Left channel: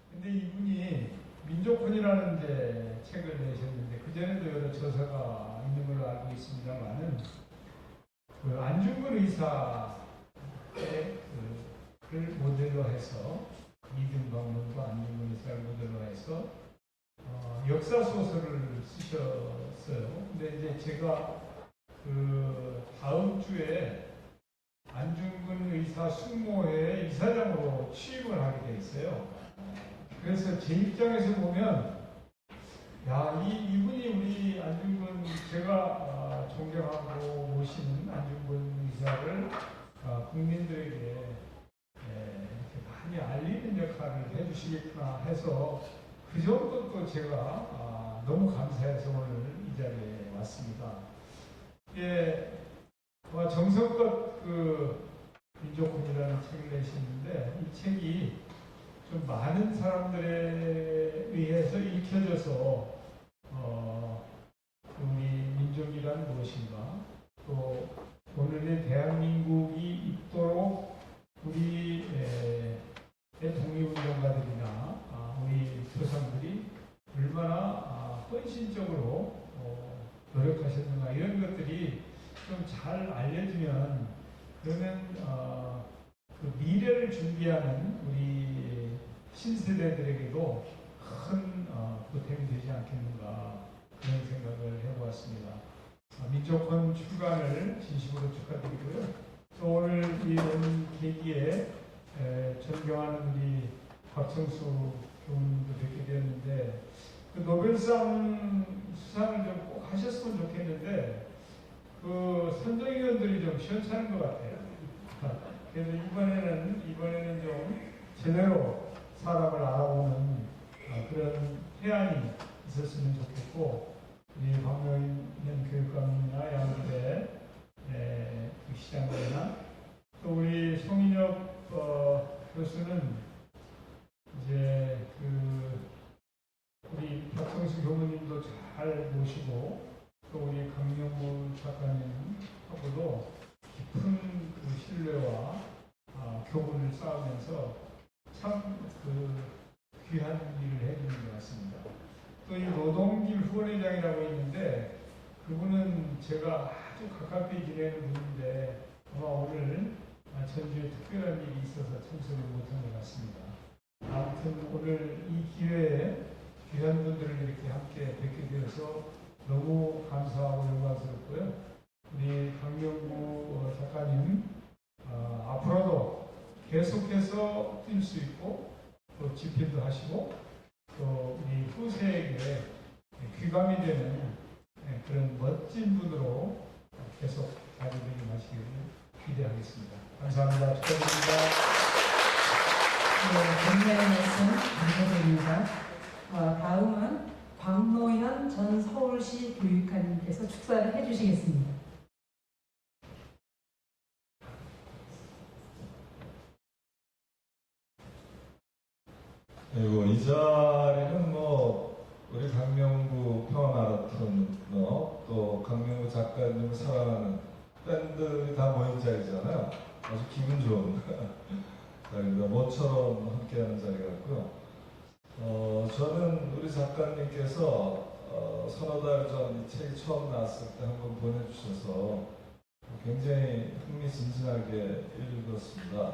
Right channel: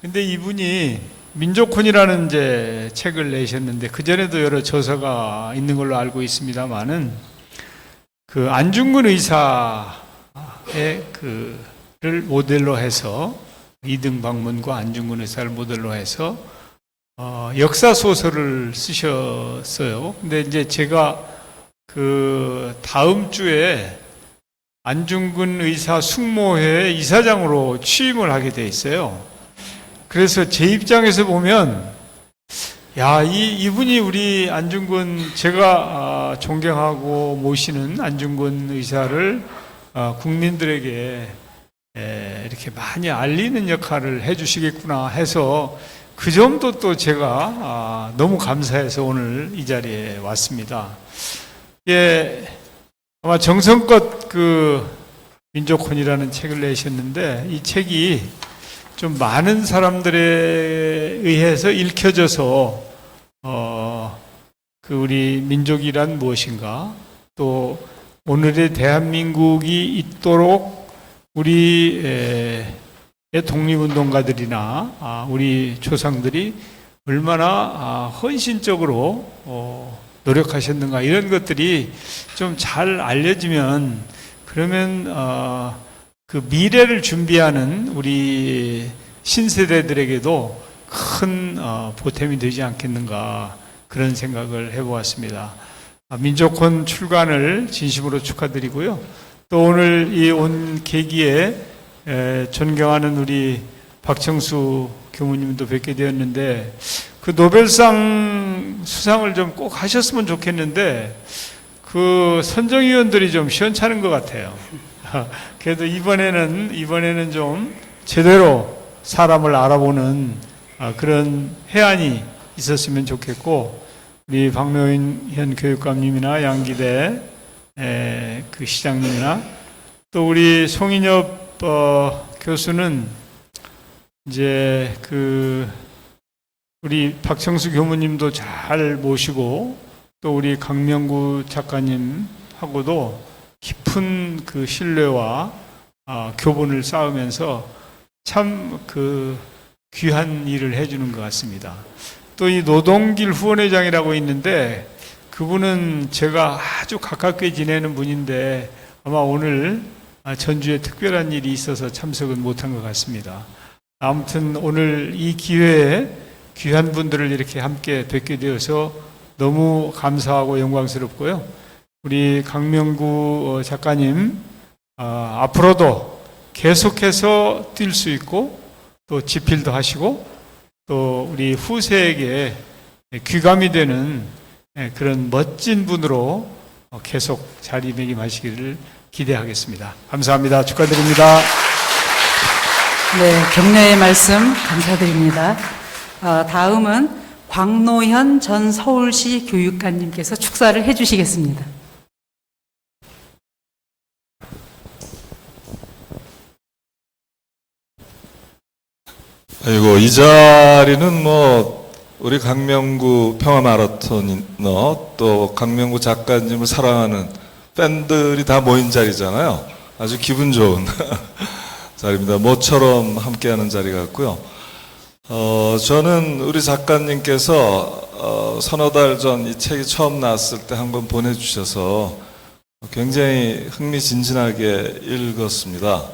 근데 이분이 민족혼이라는 이제 책을 내셨는데 그 전에도 여러 저서가 있는 걸로 알고 있습니다만은 그 안중근 의사의 그를 모델로 해서 이등 방문과 안중근 의사를 모델로 해서 역사 소설을 쓰셨어요. 근데 이제 제가 그 다음 주에 안중근 의사 숙모회 이사장으로 취임을 하게 돼 있어요. 그래서 제 입장에서 보면, 야, 이분이 우리 안중근, 제가 존경하고 모시는 안중근 의사를 국민들에게 이렇게 많이 알리는 역할을 해주시겠구나 해서 그 점도 또 제가 너무 감사해서 오늘 이 자리에 왔습니다. 예, 아마 정성껏 그 민족혼이라는 책을 내셨는데 이 책이 좀 많은 사람들에 의해서 읽혀져서 그 우리 민족이란 무엇인가, 또 오늘의 대한민국이 있도록 우리의 독립운동가들이나 우리 조상들이 얼마나 헌신적으로 노력하셨는가, 이런 것들이 좀 잘 알려지면, 그러면 그 미래를 준비하는 우리 신세대들에게도 큰 보탬이 되지 않겠는가, 그런 생각을 해보았습니다. 민족혼 출간을 진심으로 축하드리고요. 또 오늘 이 온 계기에 존경하는 우리 박청수 교무님도 뵙게 되었는데, 그 노벨상 수상을 좀 꼭 하셨으면 좋겠는데 그 선정위원들이 좀 시원찮은 것 같아요. 그래도 이번에는 좀 제대로 사람을 알아보는 그런 해안이 있었으면 좋겠고, 우리 박노현 교육감님이나 양기대 그 시장님이나 또 우리 송인엽 교수는 이제 그 우리 박청수 교무님도 잘 모시고, 또 우리 강명구 작가님하고도 깊은 그 신뢰와 교분을 쌓으면서 참 그 귀한 일을 해주는 것 같습니다. 또 이 노동길 후원회장이라고 있는데 그분은 제가 아주 가깝게 지내는 분인데 아마 오늘 전주에 특별한 일이 있어서 참석은 못한 것 같습니다. 아무튼 오늘 이 기회에 귀한 분들을 이렇게 함께 뵙게 되어서 너무 감사하고 영광스럽고요. 우리 강명구 작가님, 앞으로도 계속해서 뛸 수 있고 또 집필도 하시고 또 우리 후세에게 귀감이 되는 그런 멋진 분으로 계속 자리매김하시기를 기대하겠습니다. 감사합니다. 축하드립니다. 네, 격려의 말씀 감사드립니다. 다음은 광노현 전 서울시 교육감님께서 축사를 해주시겠습니다. 아이고, 이 자리는 뭐 우리 강명구 평화마라톤너 또 강명구 작가님을 사랑하는 팬들이 다 모인 자리잖아요. 아주 기분 좋은 자리입니다. 모처럼 함께하는 자리 같고요. 저는 우리 작가님께서 서너 달 전 이 책이 처음 나왔을 때 한번 보내주셔서 굉장히 흥미진진하게 읽었습니다.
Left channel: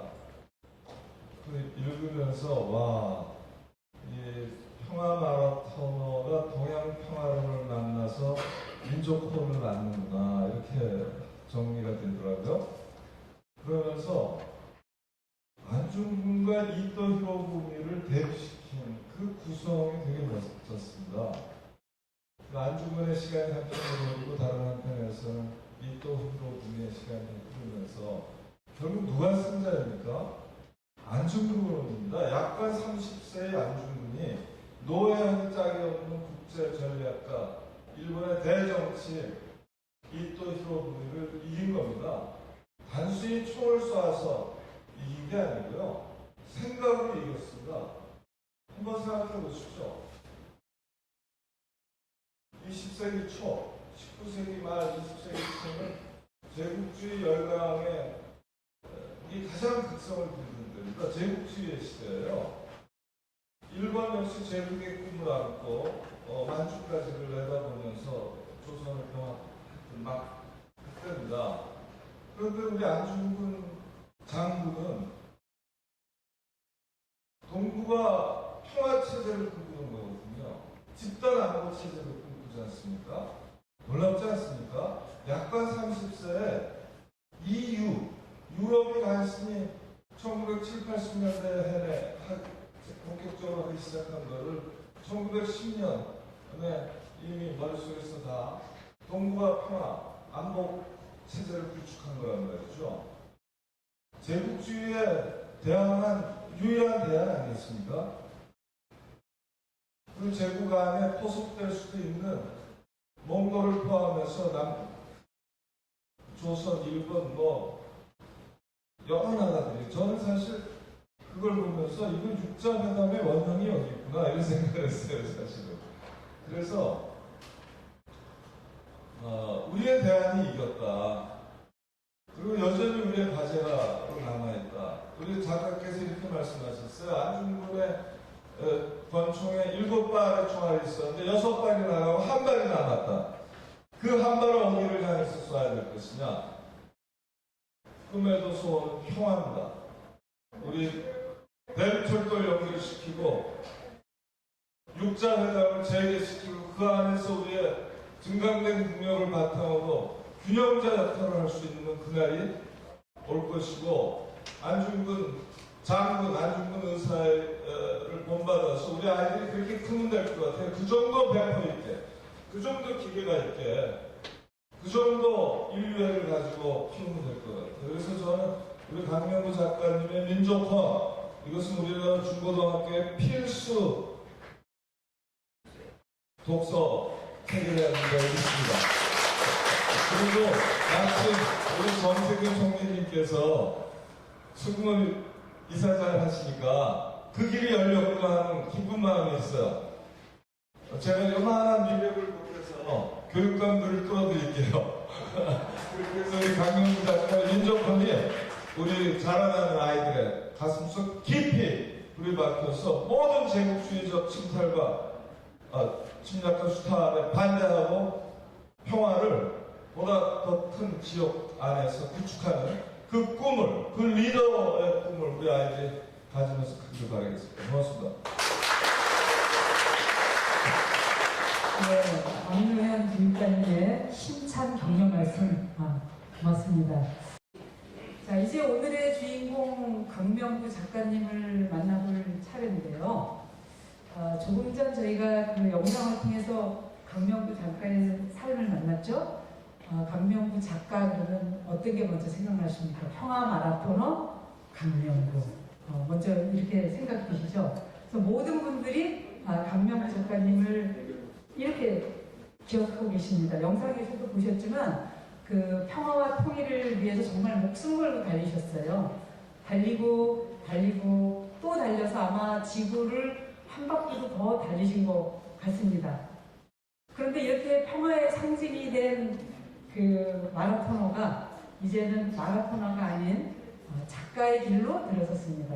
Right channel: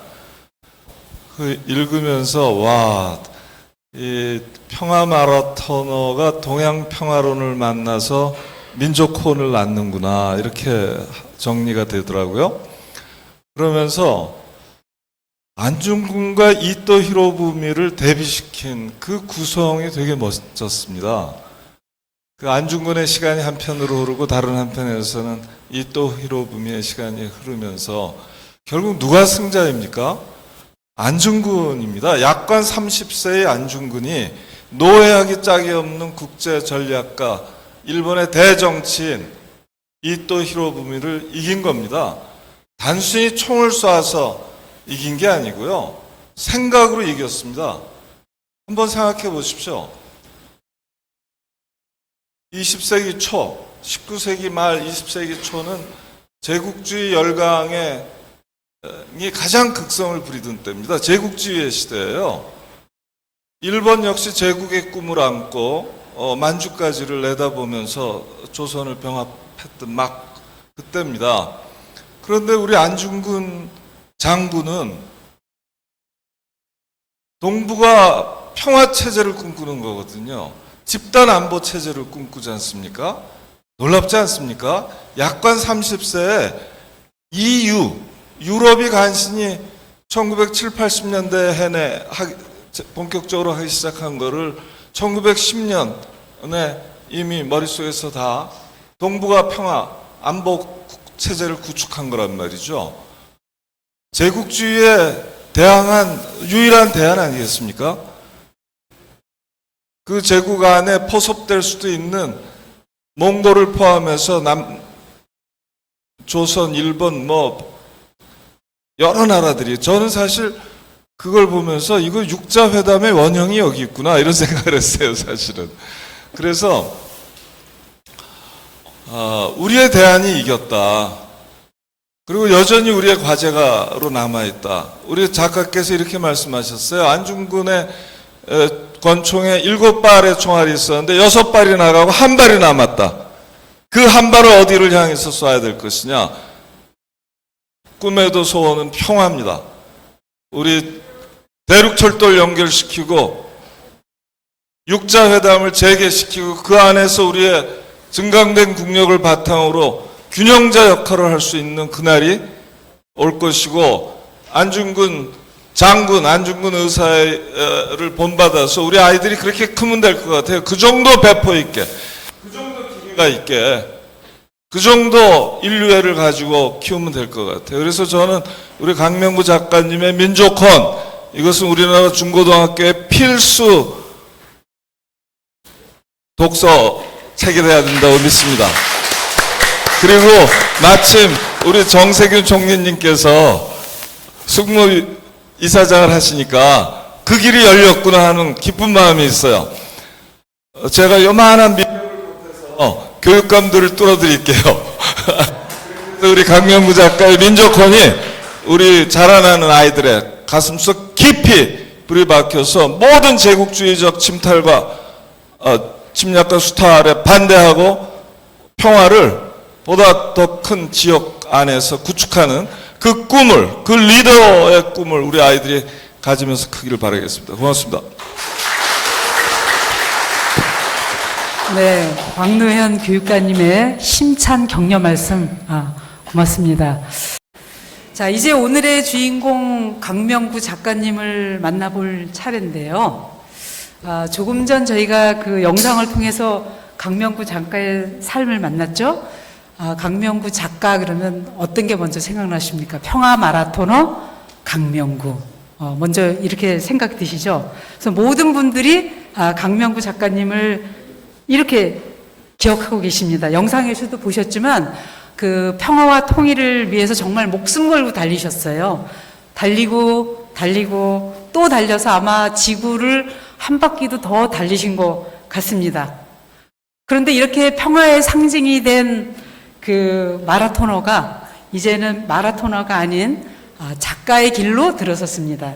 읽으면서 와, 이 평화마라토너가 동양평화론을 만나서 민족혼을 낳는구나, 이렇게 정리가 되더라고요. 그러면서 안중근과 이토 히로부미를 대비시킨 그 구성이 되게 멋졌습니다. 그 안중근의 시간이 한편으로 흐르고 다른 한편에서는 이토 히로부미의 시간이 흐르면서 결국 누가 승자입니까? 안중근입니다. 약관 30세의 안중근이 노예하기 짝이 없는 국제전략가, 일본의 대정치인 이토 히로부미를 이긴 겁니다. 단순히 총을 쏴서 이긴 게 아니고요, 생각으로 이겼습니다. 한번 생각해 보십시오. 20세기 초, 19세기 말 20세기 초는 제국주의 열강의 가장 극성을 부리던 때입니다. 제국주의의 시대예요. 일본 역시 제국의 꿈을 안고 만주까지를 내다보면서 조선을 병합했던 막 그때입니다. 그런데 우리 안중근 장군은 동북아 평화 체제를 꿈꾸는 거거든요. 집단 안보 체제를 꿈꾸지 않습니까? 놀랍지 않습니까? 약관 30세에 EU, 유럽이 간신히 1970, 80년대 해내 본격적으로 하기 시작한 거를 1910년에 이미 머릿속에서 다 동북아 평화 안보 체제를 구축한 거란 말이죠. 제국주의에 대항한 유일한 대안 아니겠습니까? 그 제국 안에 포섭될 수도 있는 몽골을 포함해서 조선, 일본 여러 나라들이, 저는 사실 그걸 보면서 이거 육자회담의 원형이 여기 있구나 이런 생각을 했어요, 사실은. 그래서 우리의 대안이 이겼다. 그리고 여전히 우리의 과제가로 남아있다. 우리 작가께서 이렇게 말씀하셨어요. 안중근의 권총에 7발의 총알이 있었는데 6발이 나가고 1발이 남았다. 그 1발을 어디를 향해서 쏴야 될 것이냐. 꿈에도 소원은 평화입니다. 우리 대륙철도를 연결시키고 육자회담을 재개시키고 그 안에서 우리의 증강된 국력을 바탕으로 균형자 역할을 할 수 있는 그날이 올 것이고, 안중근 장군, 안중근 의사를 본받아서 우리 아이들이 그렇게 크면 될 것 같아요. 그 정도 배포 있게, 그 정도 기회가 있게, 그 정도 인류애를 가지고 키우면 될 것 같아요. 그래서 저는 우리 강명구 작가님의 민족혼, 이것은 우리나라 중고등학교의 필수 독서 책이 돼야 된다고 믿습니다. 그리고 마침 우리 정세균 총리님께서 숙무 이사장을 하시니까 그 길이 열렸구나 하는 기쁜 마음이 있어요. 제가 요만한 교육감들을 뚫어드릴게요. 우리 강명구 작가의 민족혼이 우리 자라나는 아이들의 가슴속 깊이 불이 박혀서 모든 제국주의적 침탈과 침략과 수탈에 반대하고 평화를 보다 더 큰 지역 안에서 구축하는 그 꿈을, 그 리더의 꿈을 우리 아이들이 가지면서 크기를 바라겠습니다. 고맙습니다. 네, 광노현 교육관님의 힘찬 격려 말씀 고맙습니다. 자, 이제 오늘의 주인공 강명구 작가님을 만나볼 차례인데요. 조금 전 저희가 그 영상을 통해서 강명구 작가의 삶을 만났죠. 강명구 작가 그러면 어떤 게 먼저 생각나십니까? 평화 마라토너 강명구. 먼저 이렇게 생각이 드시죠? 그래서 모든 분들이 강명구 작가님을 이렇게 기억하고 계십니다. 영상에서도 보셨지만 그 평화와 통일을 위해서 정말 목숨 걸고 달리셨어요. 달리고 또 달려서 아마 지구를 한 바퀴도 더 달리신 것 같습니다. 그런데 이렇게 평화의 상징이 된 그 마라토너가 이제는 마라토너가 아닌 작가의 길로 들어섰습니다.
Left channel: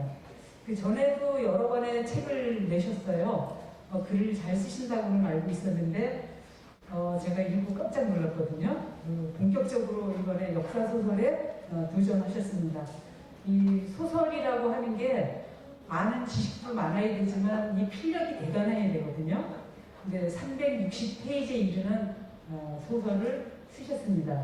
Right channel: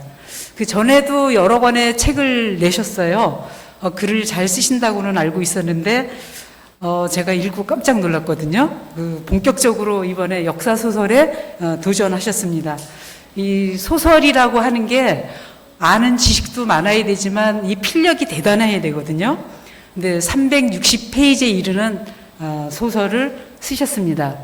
그 전에도 여러 권의 책을 내셨어요. 글을 잘 쓰신다고는 알고 있었는데 제가 읽고 깜짝 놀랐거든요. 본격적으로 이번에 역사소설에 도전하셨습니다. 이 소설이라고 하는 게 아는 지식도 많아야 되지만 이 필력이 대단해야 되거든요. 근데 360페이지에 이르는 소설을 쓰셨습니다.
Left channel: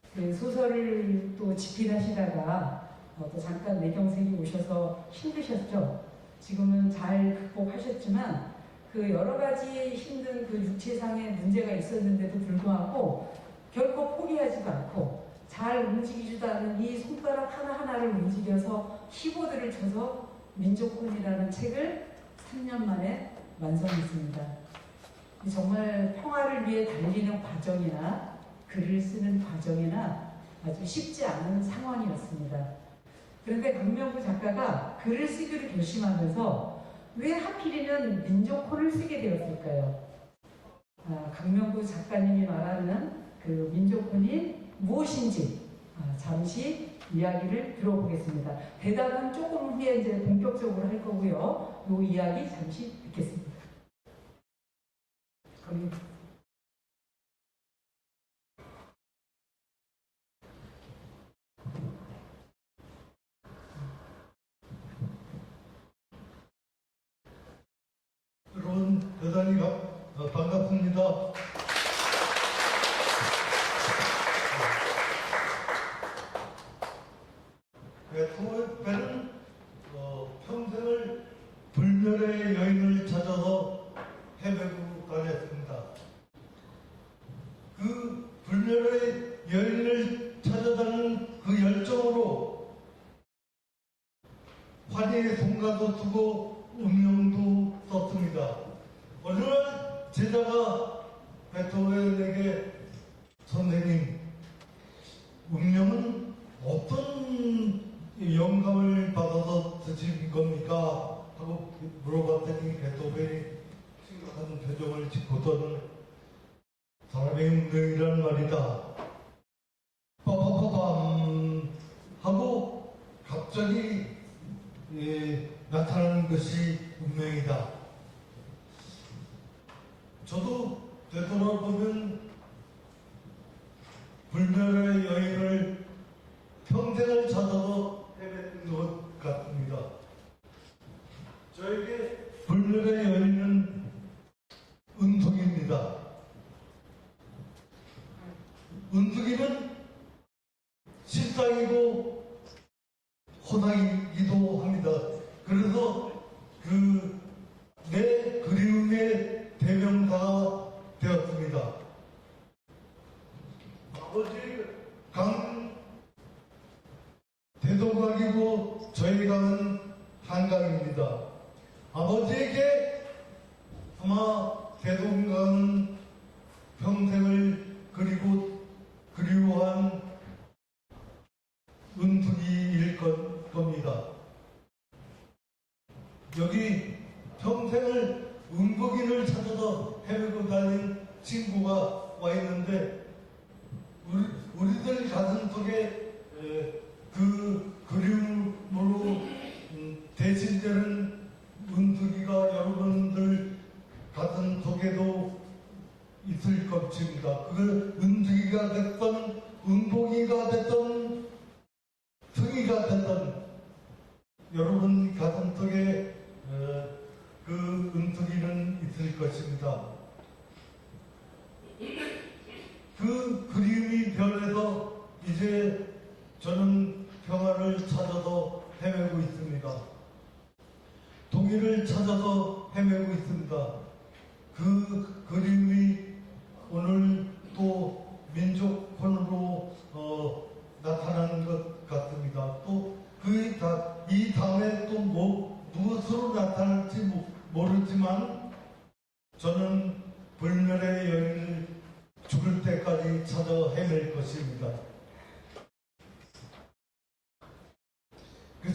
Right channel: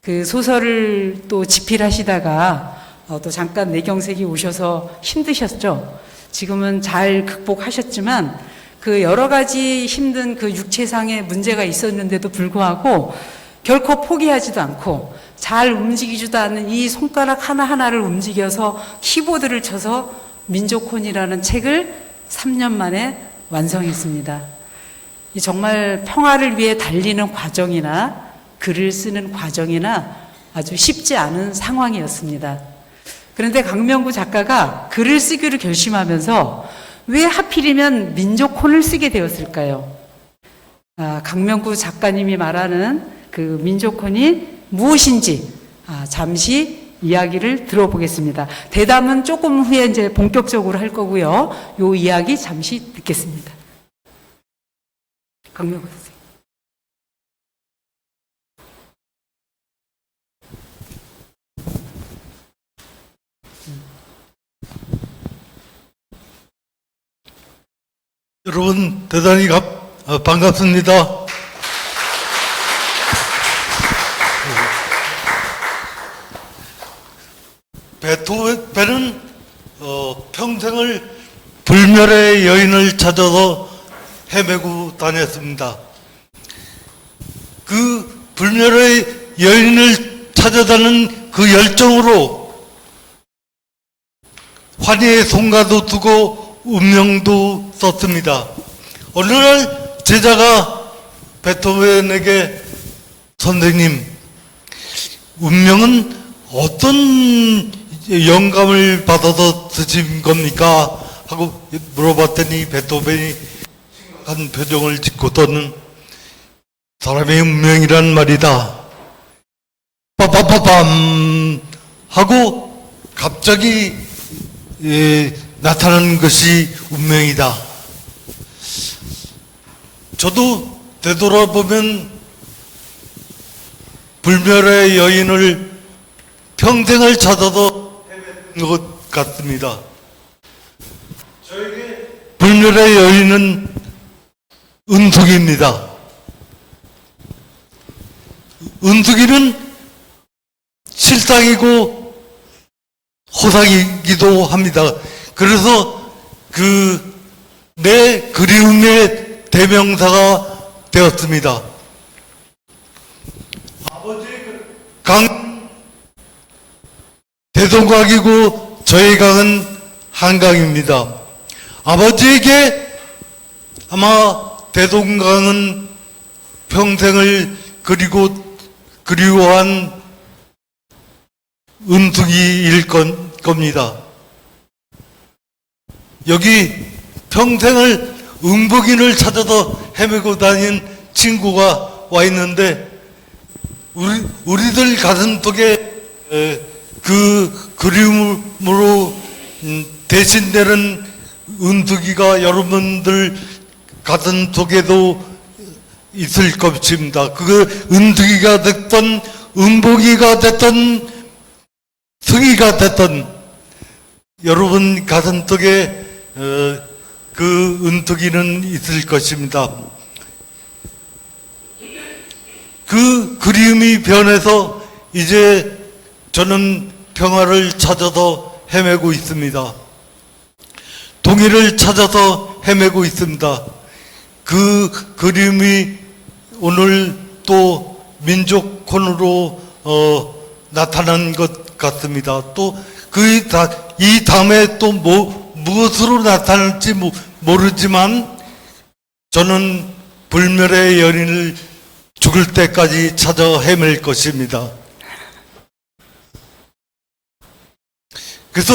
그 소설을 또 집필하시다가 또 잠깐 내경색이 오셔서 힘드셨죠. 지금은 잘 극복하셨지만 그 여러 가지 힘든 그 육체상의 문제가 있었는데도 불구하고 결코 포기하지도 않고 잘 움직이지도 않는 이 손가락 하나하나를 움직여서 키보드를 쳐서 민족혼이라는 책을 3년 만에 완성했습니다. 정말 평화를 위해 달리는 과정이나 글을 쓰는 과정이나 아주 쉽지 않은 상황이었습니다. 그런데 강명구 작가가 글을 쓰기로 결심하면서 왜 하필이면 민족혼을 쓰게 되었을까요? 강명구 작가님이 말하는 그 민족혼이 무엇인지 잠시 이야기를 들어보겠습니다. 대담은 조금 후에 이제 본격적으로 할 거고요. 요 이야기 잠시 듣겠습니다. 강명구 선생님. 여러분 대단히 반갑습니다. 베토벤은 평생을 불멸의 여인을 찾아서 헤매고 다녔습니다. 그 불멸의 여인을 찾아다는 그 열정으로 환희의 송가도 두고 운명도 썼습니다. 어느 날 제자가 베토벤에게 선생님, 운명은 어떤 영감을 받아서 쓰신 겁니까? 하고 물어봤더니 베토벤이 심각한 표정을 짓고서는 사람의 운명이란 말이다. 빠빠빠밤 하고 갑자기 나타나는 것이 운명이다. 저도 되돌아보면 불멸의 여인을 평생을 찾아서 헤매는 것 같습니다. 저에게 불멸의 여인은 은숙입니다. 은숙이는 실상이고 호상이기도 합니다. 그래서 내 그리움의 대명사가 되었습니다. 아버지 강 대동강이고 저의 강은 한강입니다. 아버지에게 아마 대동강은 평생을 그리워한 은숙이일 겁니다. 여기 평생을 응복인을 찾아서 헤매고 다닌 친구가 와 있는데 우리들 가슴 속에 그 그리움으로 대신되는 은숙이가 여러분들 가슴 속에도 있을 것입니다. 그 은숙이가 됐던 은복이가 됐던 승희가 됐던 여러분 가슴 속에 그 은숙이는 있을 것입니다. 그 그리움이 변해서 이제 저는 평화를 찾아서 헤매고 있습니다. 동의를 찾아서 헤매고 있습니다. 그 그림이 오늘 또 민족콘으로 나타난 것 같습니다. 또 이 다음에 또 무엇으로 나타날지 모르지만 저는 불멸의 연인을 죽을 때까지 찾아 헤맬 것입니다. 그래서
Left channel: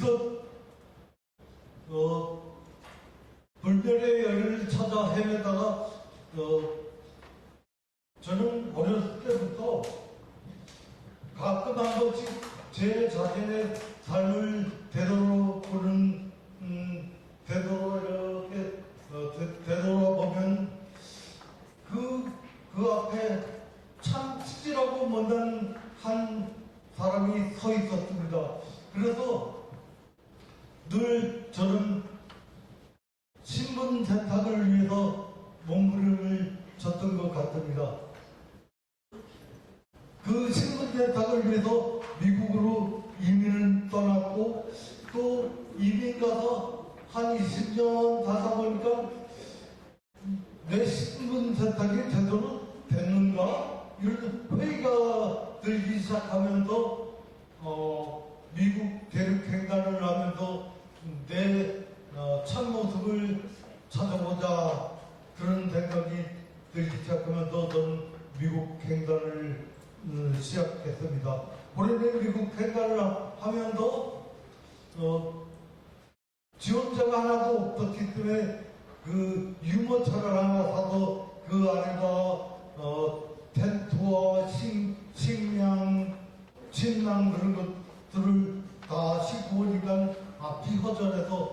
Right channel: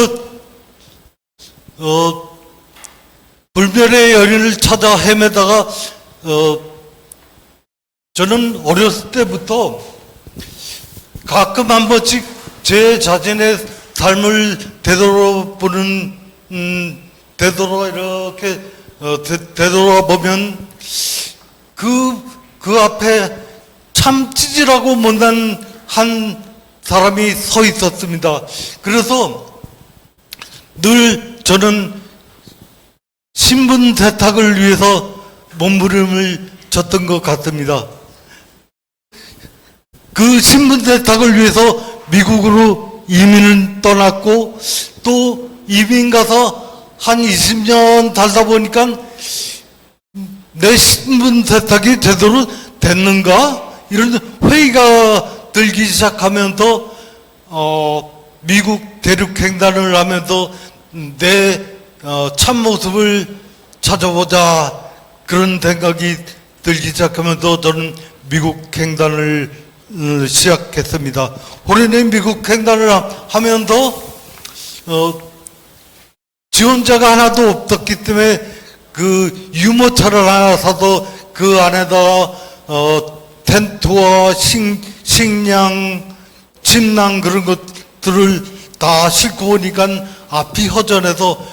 불멸의 연인을 찾아 헤매다가 저는 어렸을 때부터 가끔 한 번씩 제 자신의 삶을 되돌아보는 되돌아보면 그 앞에 참 찌질하고 못난 한 사람이 서 있었습니다. 그래서 늘 저는 신분 세탁을 위해서 몸부림을 쳤던 것 같습니다. 그 신분 세탁을 위해서 미국으로 이민을 떠났고 또 이민 가서 한 20년 살다 보니까 내 신분 세탁이 제대로 됐는가? 이런 회의가 들기 시작하면서 미국 대륙횡단을 하면서 내 참모습을 찾아보자 그런 생각이 들기 시작하면서 저는 미국 횡단을 시작했습니다. 올해는 미국 횡단을 하면서 지원자가 하나도 없었기 때문에 그 유모차를 하나 사서 그 안에다가 텐트와 식량, 침낭 그런 것 다 싣고 오니까 앞이 허전해서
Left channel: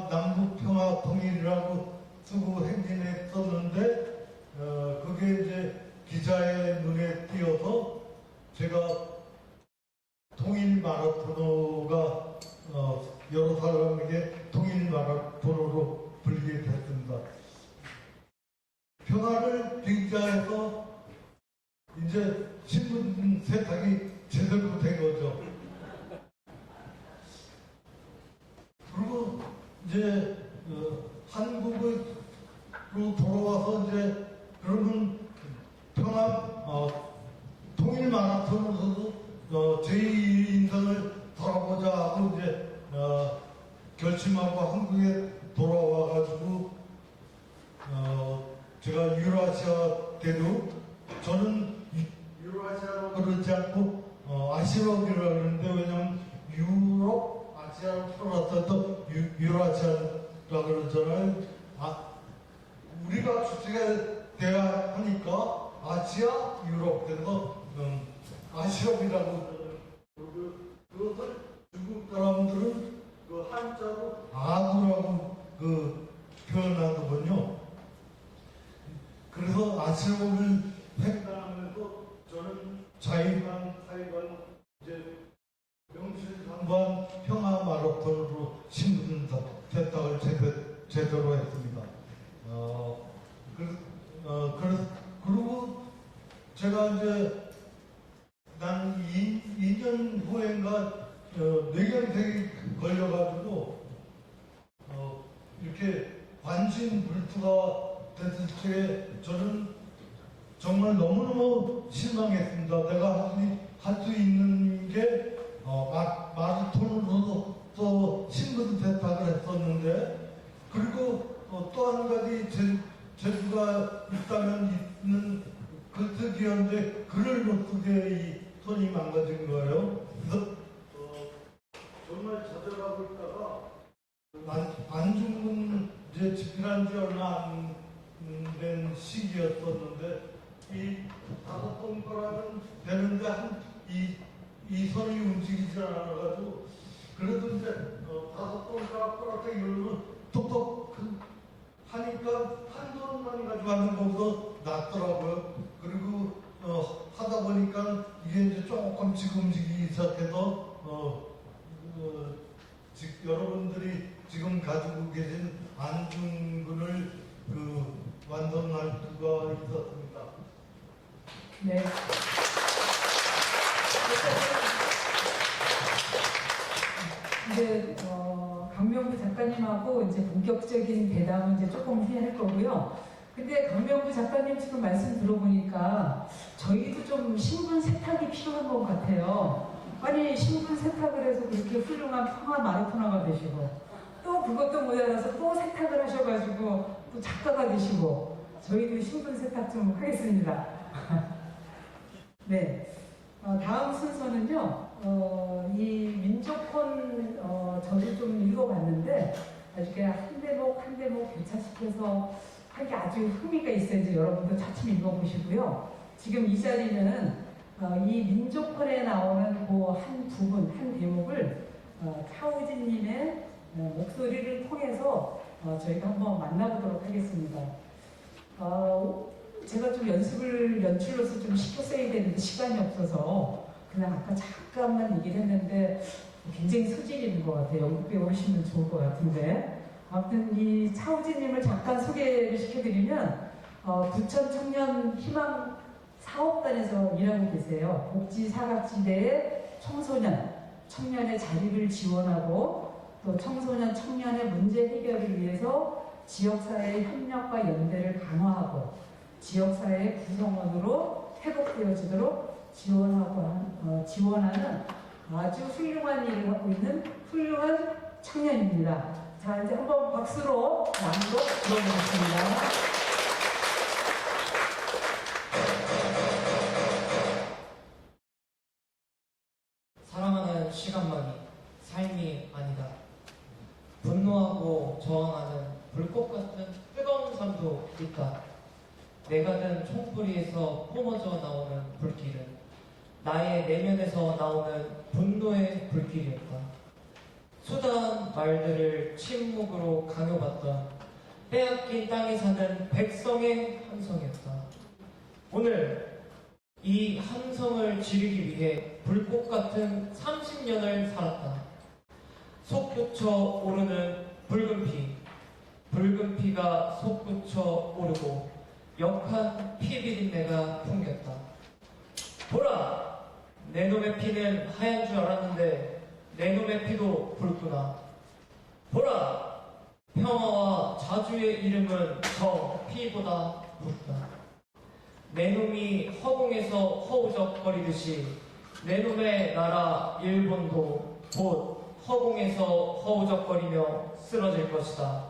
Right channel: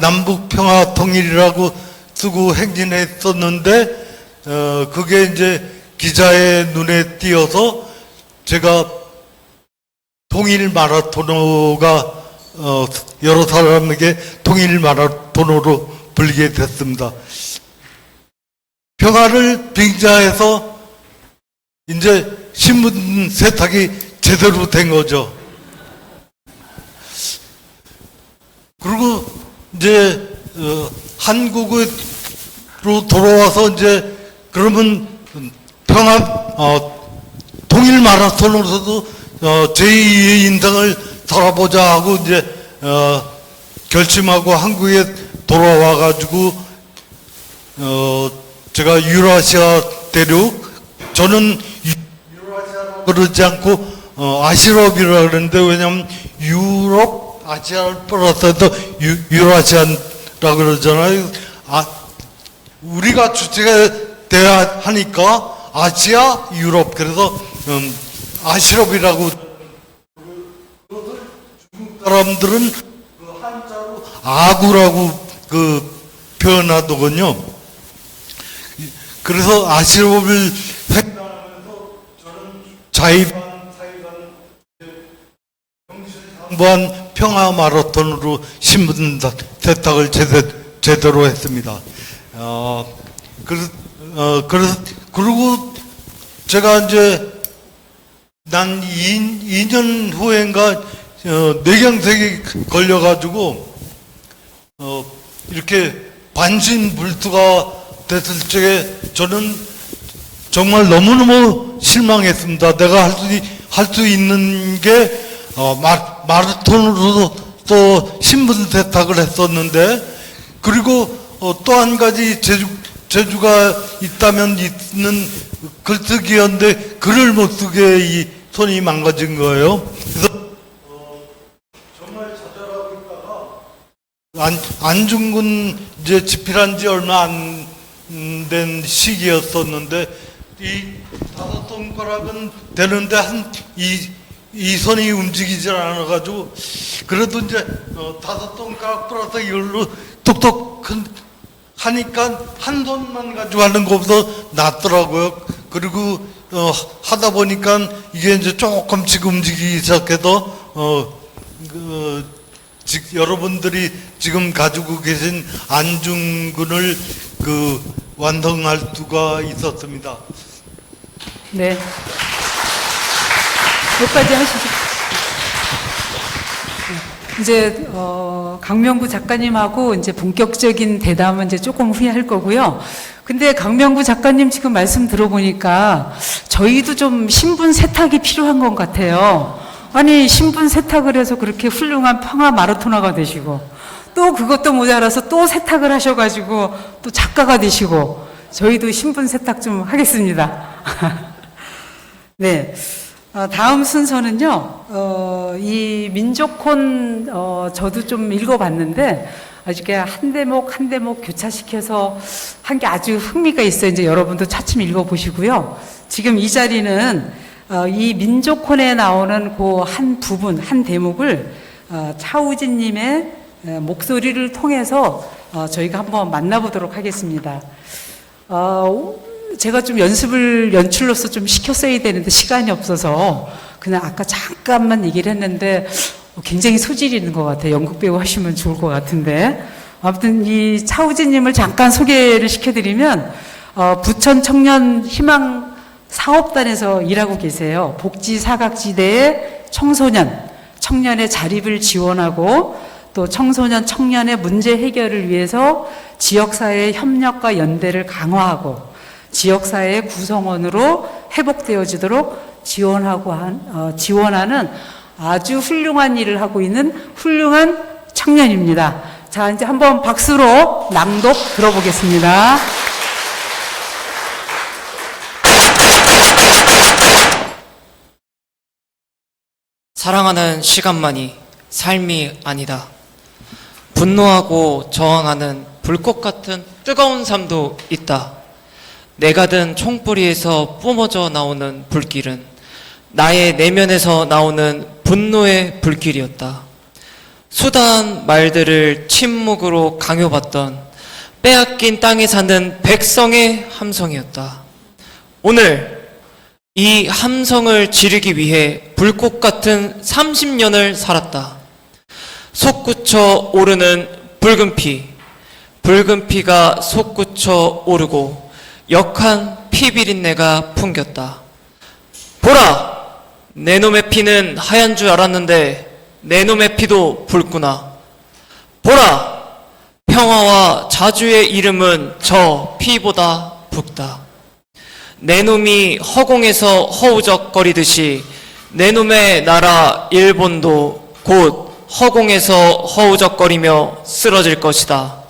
남북 평화 통일이라고 쓰고 행진했었는데 그게 이제 기자의 눈에 띄어서 제가 통일 마라토너가 여러 사람에게 통일 마라토너로 불리게 됐습니다. 평화를 빙자해서 이제 신분 세탁이 제대로 된 거죠. 그리고 이제 한국으로 돌아와서 이제 그러면 통일 마라톤으로서도 제2의 인생을 살아보자 하고 이제 결심하고 한국에 돌아와 가지고 제가 유라시아 대륙, 저는 유라시아라고 그러지 않고 아시럽이라고 그러는데, 왜냐면 유럽 아시아를 플러스해서 유라시아라고 그러잖아요. 우리가 주체가 돼야 하니까 아시아, 유럽, 그래서 아시럽이라고. 중국 사람들은 한자로 아구라고 표현하더군요. 그래서 아시럽을 획득하면서 저는 자의반, 사의반, 무한 평화 마라톤으로 신분 세탁을 제대로 했습니다. 그리고 제가 이제 난 2년 후인가 뇌경색이 걸려가지고 이렇게 반신불수가 됐을 적에 저는 정말 너무너무 실망했습니다. 내가 할 수 있는 게 마라톤으로 또 신분 세탁을 했었는데, 그리고 또 한 가지 재주가 있다면 있는 글쓰기였는데 글을 못 쓰게 이 손이 망가진 거예요. 그래서 정말 좌절하고 있다가 안중근 이제 집필한 지 얼마 안 된 시기였었는데, 이 5손가락은 되는데 이 손이 움직이질 않아가지고, 그래도 이제 5손가락 플러스 이걸로 톡톡 하니까 한 손만 가지고 하는 것보다 낫더라고요. 그리고 하다 보니까 이게 이제 조금씩 움직이기 시작해서 여러분들이 지금 가지고 계신 안중근을 완성할 수가 있었습니다. 네. 여기까지 하시죠. 이제 강명구 작가님하고 이제 본격적인 대담은 이제 조금 후에 할 거고요. 근데 강명구 작가님 지금 말씀 들어보니까 저희도 좀 신분 세탁이 필요한 것 같아요. 아니, 신분 세탁을 해서 그렇게 훌륭한 평화 마라토너가 되시고, 또 그것도 모자라서 또 세탁을 하셔가지고 또 작가가 되시고, 저희도 신분 세탁 좀 하겠습니다. 네. 다음 순서는요, 이 민족혼, 저도 좀 읽어봤는데, 아주 한 대목 한 대목 교차시켜서 한 게 아주 흥미가 있어요. 이제 여러분도 차츰 읽어보시고요. 지금 이 자리는 이 민족혼에 나오는 그 한 부분, 한 대목을 차우진님의 목소리를 통해서 저희가 한번 만나보도록 하겠습니다. 제가 좀 연출로서 좀 시켰어야 되는데 시간이 없어서 그냥 아까 잠깐만 얘기를 했는데 굉장히 소질이 있는 것 같아요. 연극 배우 하시면 좋을 것 같은데. 아무튼 이 차우진님을 잠깐 소개를 시켜드리면 부천 청년 희망 사업단에서 일하고 계세요. 복지 사각지대의 청년의 자립을 지원하고 또 청년의 문제 해결을 위해서 지역사회의 협력과 연대를 강화하고 지역사회의 구성원으로 회복되어지도록 지원하는 아주 훌륭한 일을 하고 있는 훌륭한 청년입니다. 자, 이제 한번 박수로 낭독 들어보겠습니다. 사랑하는 시간만이 삶이 아니다. 분노하고 저항하는 불꽃 같은 뜨거운 삶도 있다. 내가 든 총뿌리에서 뿜어져 나오는 불길은 나의 내면에서 나오는 분노의 불길이었다. 수다한 말들을 침묵으로 강요받던 빼앗긴 땅에 사는 백성의 함성이었다. 오늘 이 함성을 지르기 위해 불꽃 같은 30년을 살았다. 솟구쳐 오르는 붉은 피, 붉은 피가 솟구쳐 오르고 역한 피 비린내가 풍겼다. 보라! 내 놈의 피는 하얀 줄 알았는데 내 놈의 피도 붉구나. 보라! 평화와 자주의 이름은 저 피보다 붉다. 내 놈이 허공에서 허우적거리듯이 내 놈의 나라 일본도 곧 허공에서 허우적거리며 쓰러질 것이다.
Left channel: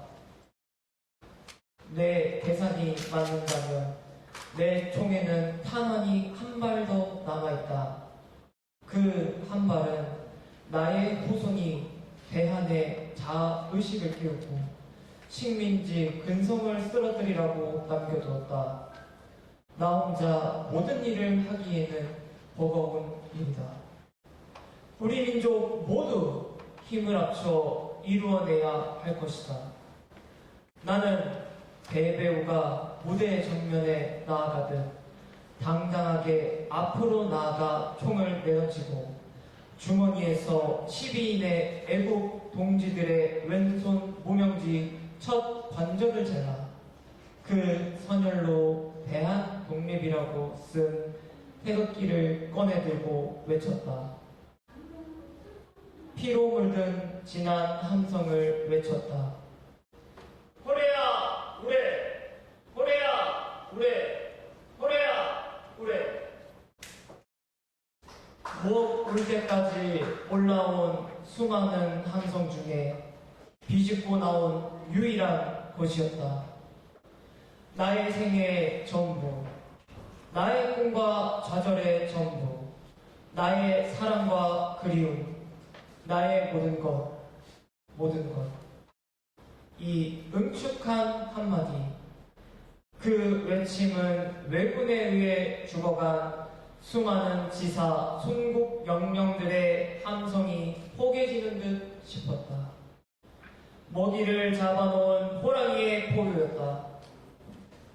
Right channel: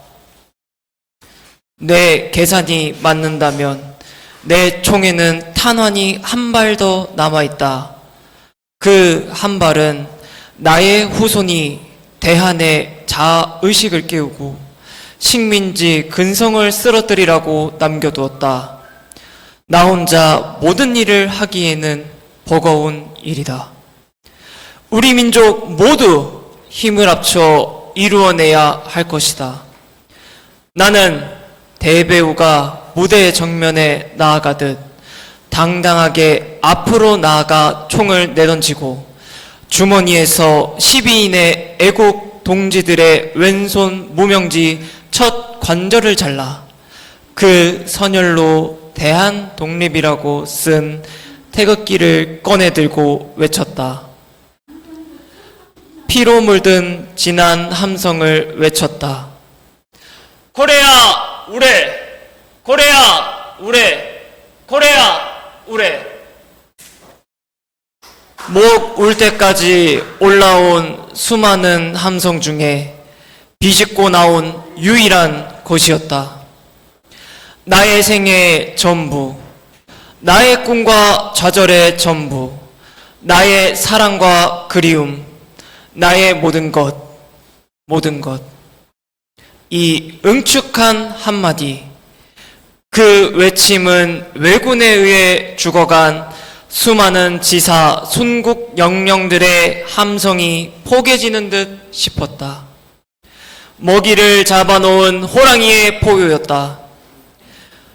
내 계산이 맞는다면 내 총에는 탄환이 한 발 더 남아있다. 그 한 발은 나의 후손이 대한의 자아의식을 깨우고 식민지 근성을 쓰러뜨리라고 남겨두었다. 나 혼자 모든 일을 하기에는 버거운 일이다. 우리 민족 모두 힘을 합쳐 이루어내야 할 것이다. 나는 대배우가 무대 정면에 나아가듯 당당하게 앞으로 나아가 총을 내던지고 주머니에서 12인의 애국 동지들의 왼손 무명지 첫 관절을 잘라 그 선열로 대한 독립이라고 쓴 태극기를 꺼내 들고 외쳤다. 피로 물든 진한 함성을 외쳤다. 코레아 우레! 코레아 우레! 코레아 우레! 목 울 때까지 올라온 수많은 함성 중에 비집고 나온 유일한 것이었다. 나의 생의 전부, 나의 꿈과 좌절의 전부, 나의 사랑과 그리움, 나의 모든 것, 모든 것. 이 응축한 한마디, 그 외침은 왜군에 의해 죽어간 수많은 지사, 순국 영령들의 함성이 포개지는 듯 싶었다. 먹이를 잡아놓은 호랑이의 포효였다.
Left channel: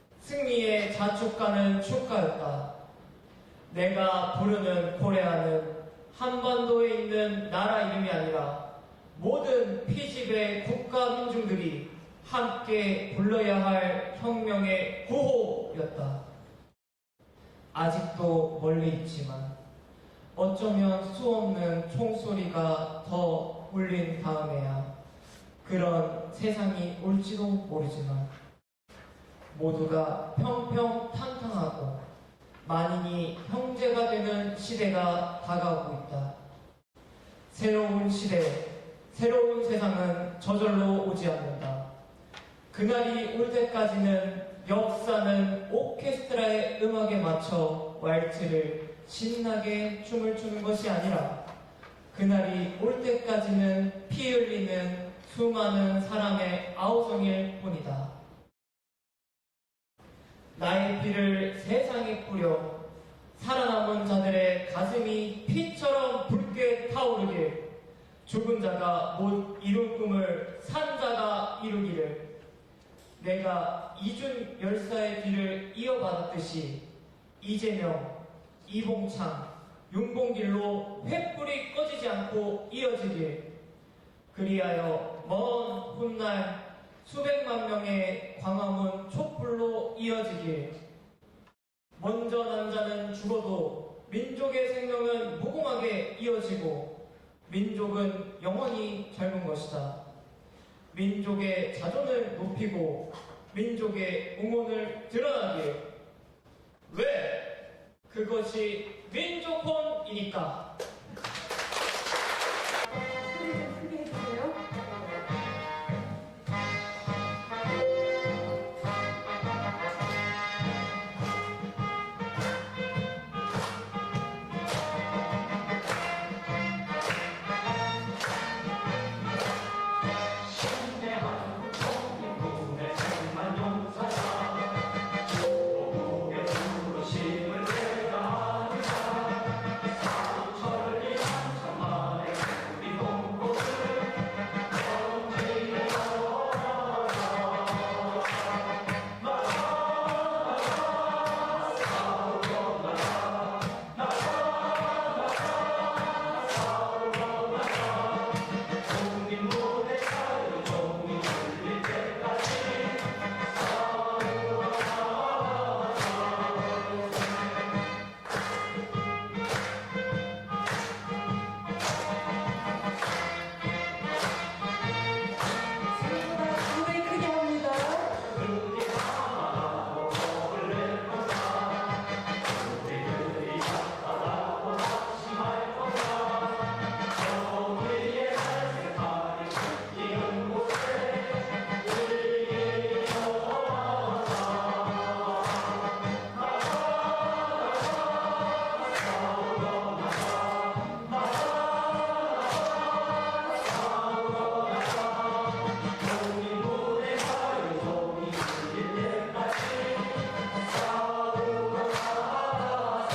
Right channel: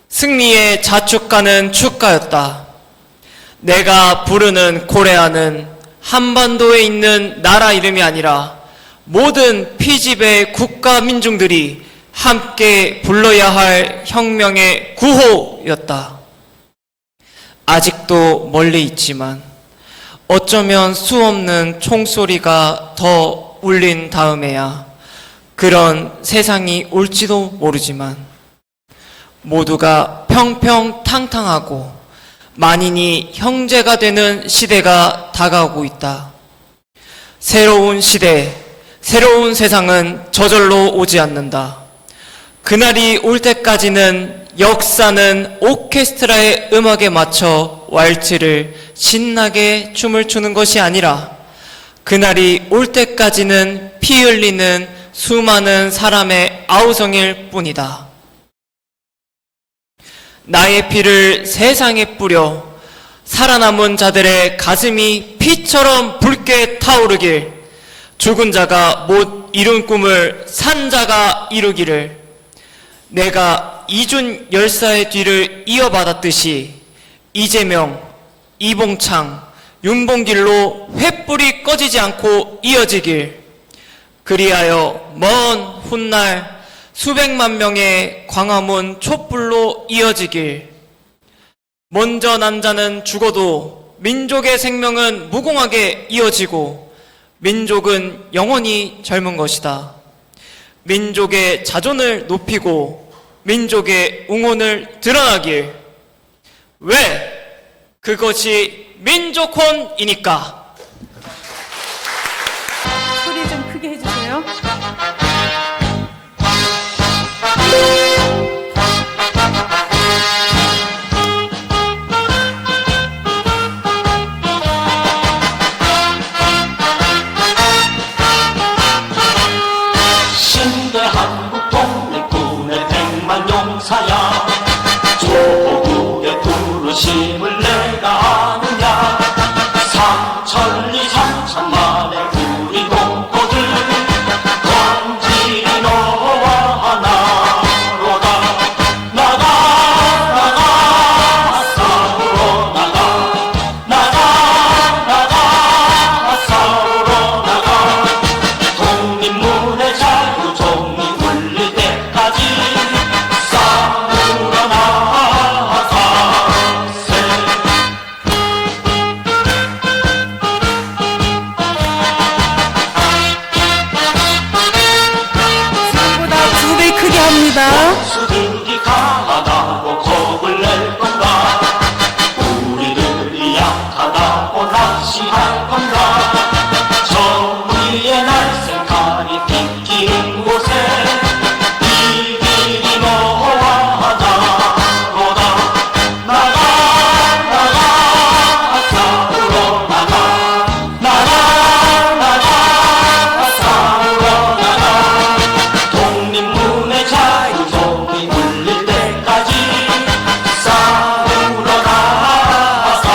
승리에 자축하는 축가였다. 내가 부르는 코레아는 한반도에 있는 나라 이름이 아니라 모든 피집의 국가 민중들이 함께 불러야 할 혁명의 구호였다. 아직도 멀리 있지만 어쩌면 수없는 총소리가 더 울린 다음에야 그런 세상이 올지도 모르지만 모두가 평평탕탕하고 만인이 형제가 되는 시대가 다가오고 있다. 새로운 시대, 새로운 세상은 저절로 오지 않는다. 그날이 올 때까지는 역사는 오케스트라의 음악에 맞춰 왈츠를 신나게 춤을 추는 것이 아니라 그날이 올 때까지는 피 흘리는 수많은 사람의 아우성일 뿐이다. 나의 피를 세상에 뿌려 살아남은 자들의 가슴이 피처럼 붉게 타오르길, 죽은 자가 못 이룬 꿈을 산 자가 이루기를, 내가 이준 열사의 뒤를 이어받았듯이 이재명, 이봉창, 윤봉길로 횃불이 꺼지지 않고 이어지길, 그리하여 먼 훗날 수백만 명의 광화문 촛불로 이어지길, 먼저 난 자는 죽어도 민족의 생명은 무궁하게 이어지고 민족은 영원히 젊은 것이다. 민족의 자존을 높이고 민족의 웅혼을 드러나길. 왜? 그것이 민족혼이니까. 소리 좀 크게 해주세요. 신대 한국 독립군의 백만 용사야, 조국의 부르심을 내가 아느냐. 삼천리 삼천리 수들이 강하다고 겁을 낼 건가 우리들이 약하다고 낚시할 건가 정의의 날색깔이 비키는 곳에 이 길이 너와 나로다 나가 싸우러 나가 싸우러 나가 독립문의 자유종이 울릴 때까지 싸우러 나가세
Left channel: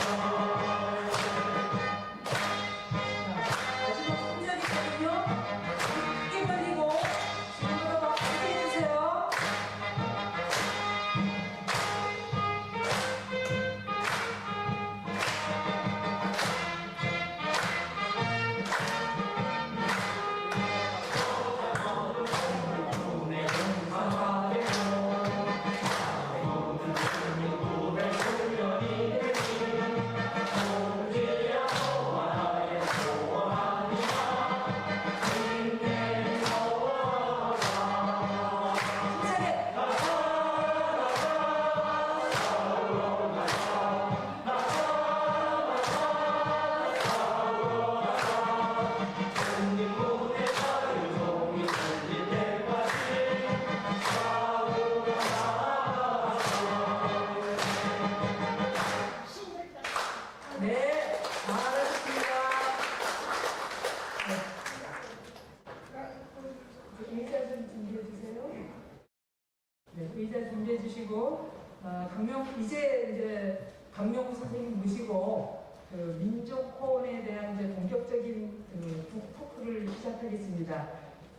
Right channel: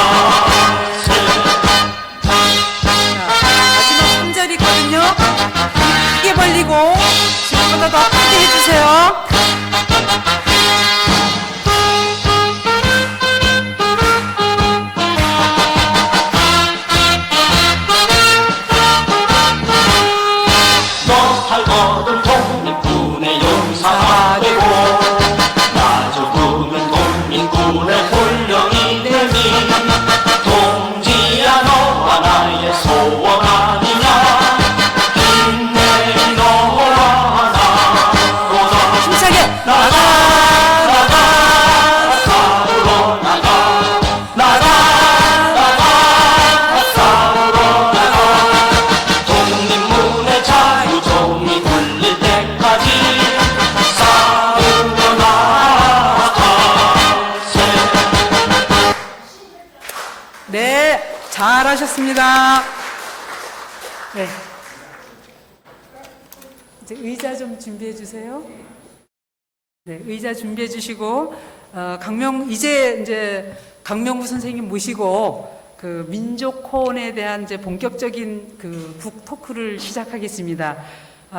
마지막 3절이거든요. 크게 벌리고 지금보다 더 크게 해주세요. 너 살거든 독립군의 용사가 되고 나 죽으면 독립군의 훈령이 되니 동지야 너와 나의 소원 아니냐 힘내리 너와 나로다 힘차게 나가 싸우러 나가 싸우러 나가 독립문의 자유종이 울릴 때까지 싸우러 나가세 네, 잘하셨습니다. 네. 이제 의자 좀 준비해 주세요. 네, 의자 준비해 주시고 이제 강명구 선생님 모시고 그 민족혼에 대한 이제 본격적인 그 북 토크를 시작하겠습니다.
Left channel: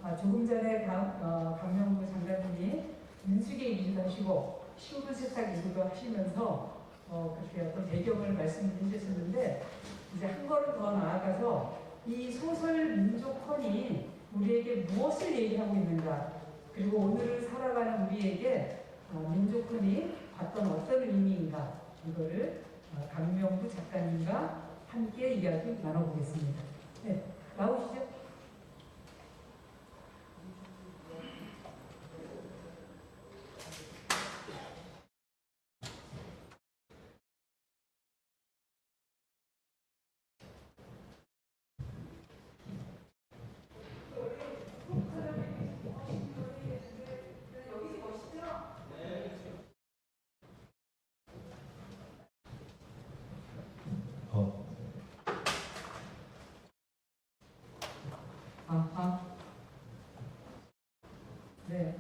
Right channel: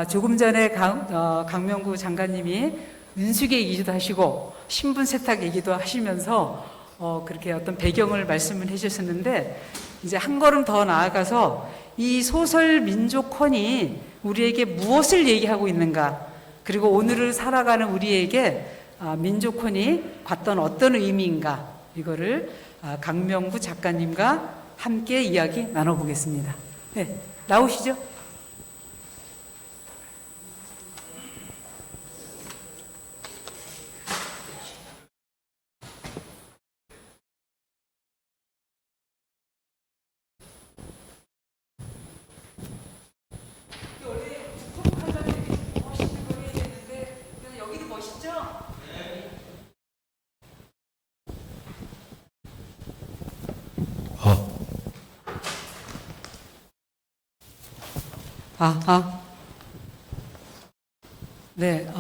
조금 전에 강명구 장관님이 은숙 얘기도 하시고 신분 세탁 얘기도 하시면서 그렇게 어떤 배경을 말씀을 해주셨는데 이제 한 걸음 더 나아가서 이 소설 민족혼이 우리에게 무엇을 얘기하고 있는가 그리고 오늘을 살아가는 우리에게 민족혼이 갖던 어떤 의미인가 이거를 강명구 작가님과 함께 이야기 나눠보겠습니다. 네, 나오시죠. 네,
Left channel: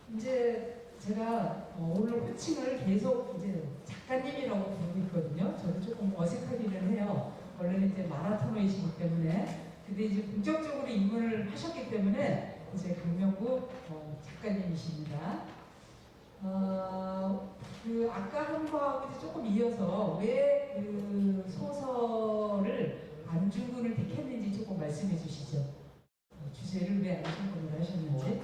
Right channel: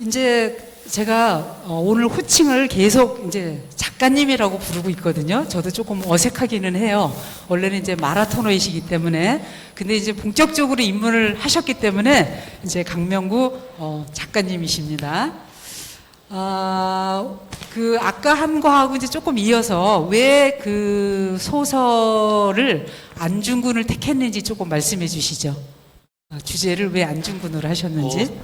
이제 제가 오늘 호칭을 계속 이제 작가님이라고 부르고 있거든요. 저도 조금 어색하기는 해요. 원래는 이제 마라토너이시기 때문에. 근데 이제 본격적으로 입문을 하셨기 때문에 이제 강명구 작가님이십니다. 그 아까 한 거하고 이제 조금 이어서 왜 그 소설을 안중근을 택했는지 조금 말씀해 주시죠. 주제를 왜 안중근으로 하셨는지.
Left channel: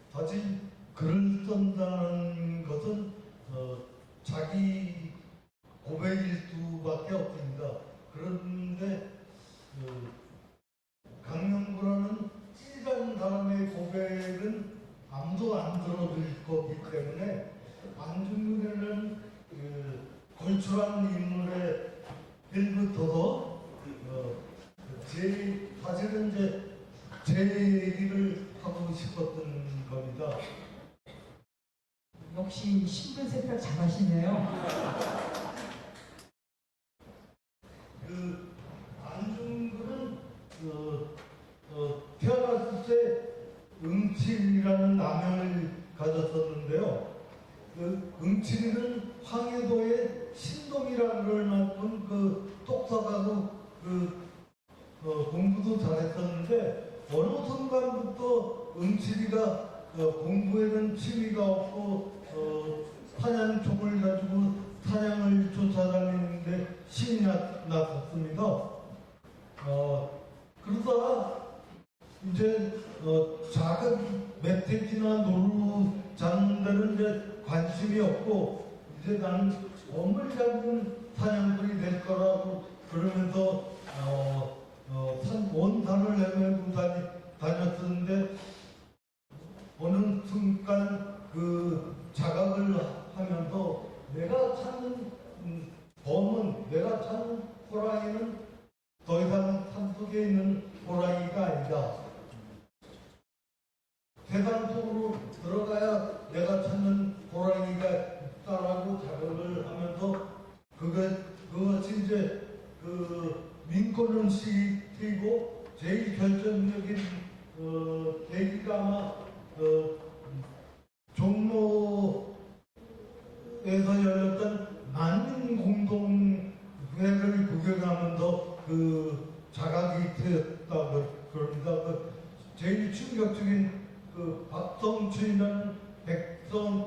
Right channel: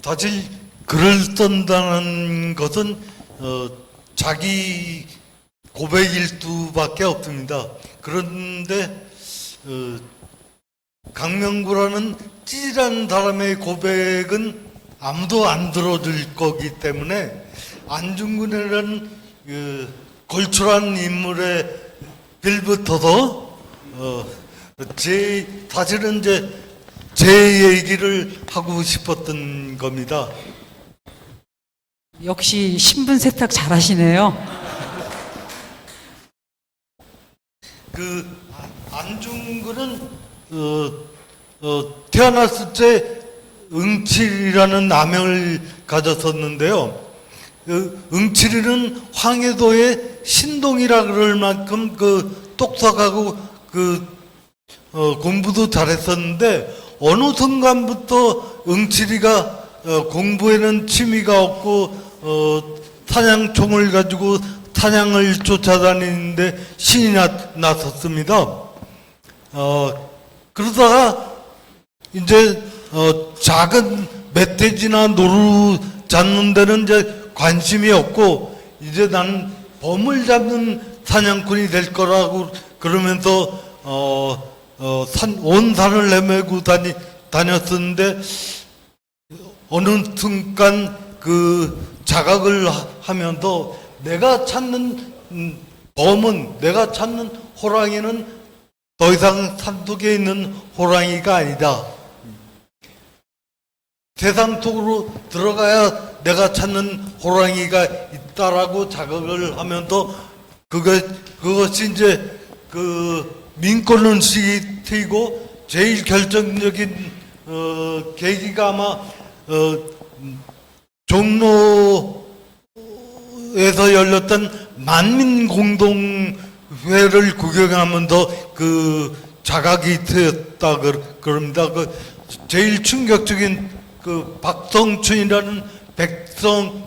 사실 글을 쓴다는 것은 자기 고백 일두밖에 없습니다. 그런데 강명구라는 찌질한 사람의 고백은 아무도 안 들어줄 거기 때문에 안중근이라는 걸출한 인물의 빌부터도 사실은 이제 제 얘기를 하고 싶었던 겁니다. 역시 신분 세탁 잘하시네요. 그 안중근은 태어났을 때 응칠이라는 아명을 가졌었는데요. 응칠이는 황해도의 신동이라 그럴 만큼 그 똑똑하고 공부도 잘했었는데 어느 순간부터 응칠이가 공부에는 취미가 없고 사냥총을 가지고 사냥을 쫓아다니는데 신이 났었습니다. 그러다가 이제 작은 멧돼지나 노루 잡는 데는 이제 관심이 없고 이제 나는 범을 잡는 사냥꾼이 될 거라고 그러면서 온 산을 헤매고 다녔었는데 어느 순간 그 자각을 하면서 내가 찾는 범은, 내가 찾는 호랑이는 더 이상 산속에 있는 호랑이가 아니다. 세상 속으로 들어가야 내가 찾는 호랑이가 있다라고 자각을 하면서 그것이 이제 그 민권론식이 트이고 제일 결정적인 계기가 아마 종로에서 열렸던 만민공동회를 구경하면서 그 자각이 트였다 그럽니다. 그 제일 충격적인 그 박성춘이라는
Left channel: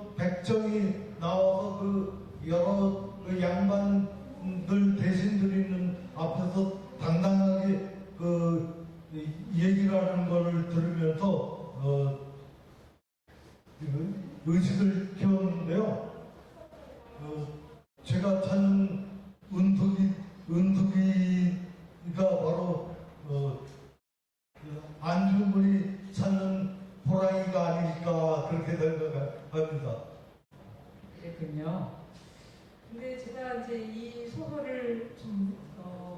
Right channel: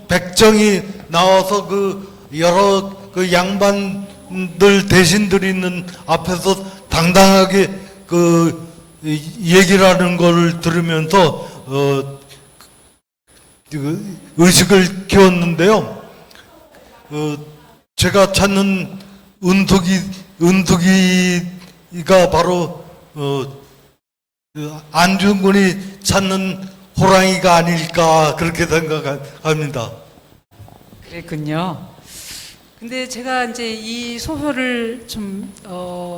백정이 나와서 그 여러 그 양반들 대신들이 있는 앞에서 당당하게 그 얘기를 하는 걸 들으면서 의식을 키웠는데요. 제가 찾는 은덕이가 바로 안중근이 찾는 호랑이가 아닐까 그렇게 생각합니다. 그랬군요. 근데 제가 이제 이 소설을 좀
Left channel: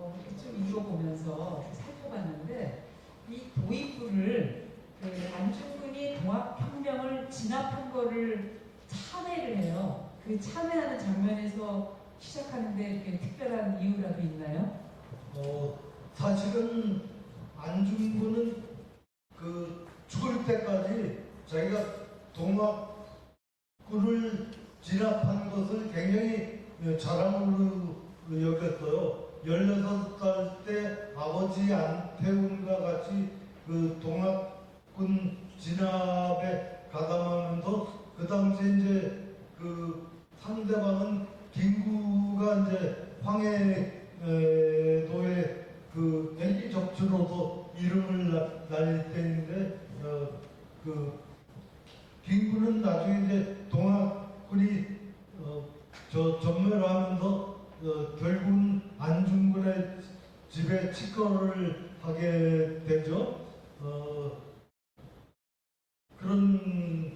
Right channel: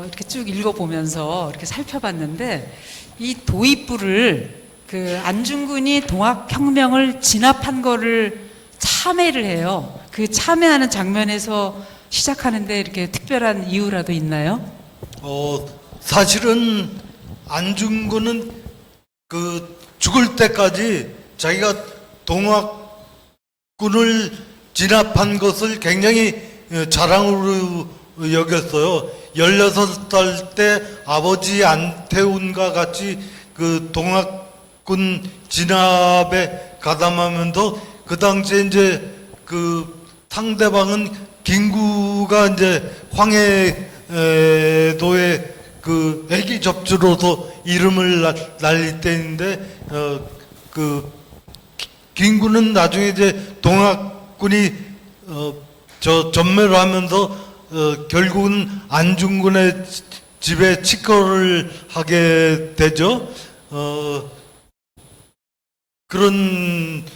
이렇게 쭉 읽어보면서 이렇게 살펴봤는데 이 도입부를 그 안중근이 동학혁명을 진압한 거를 참회를 해요. 그 참회하는 장면에서 시작하는데 이렇게 특별한 이유라도 있나요? 사실은 안중근은 그 죽을 때까지 자기가 동학군을 진압한 것을 굉장히 자랑으로 여겼어요. 16살 때 아버지 안태훈과 같이 그 동학군 진압에 가담하면서 그 당시에 이제 그 상대방은 김구가 이제 황해도의 그 애기 접주로서 이름을 날릴 때인데 그 김구는 나중에 이제 동학군이 전멸을 하면서 결국은 안중근의 집에 직거를 하게 되죠.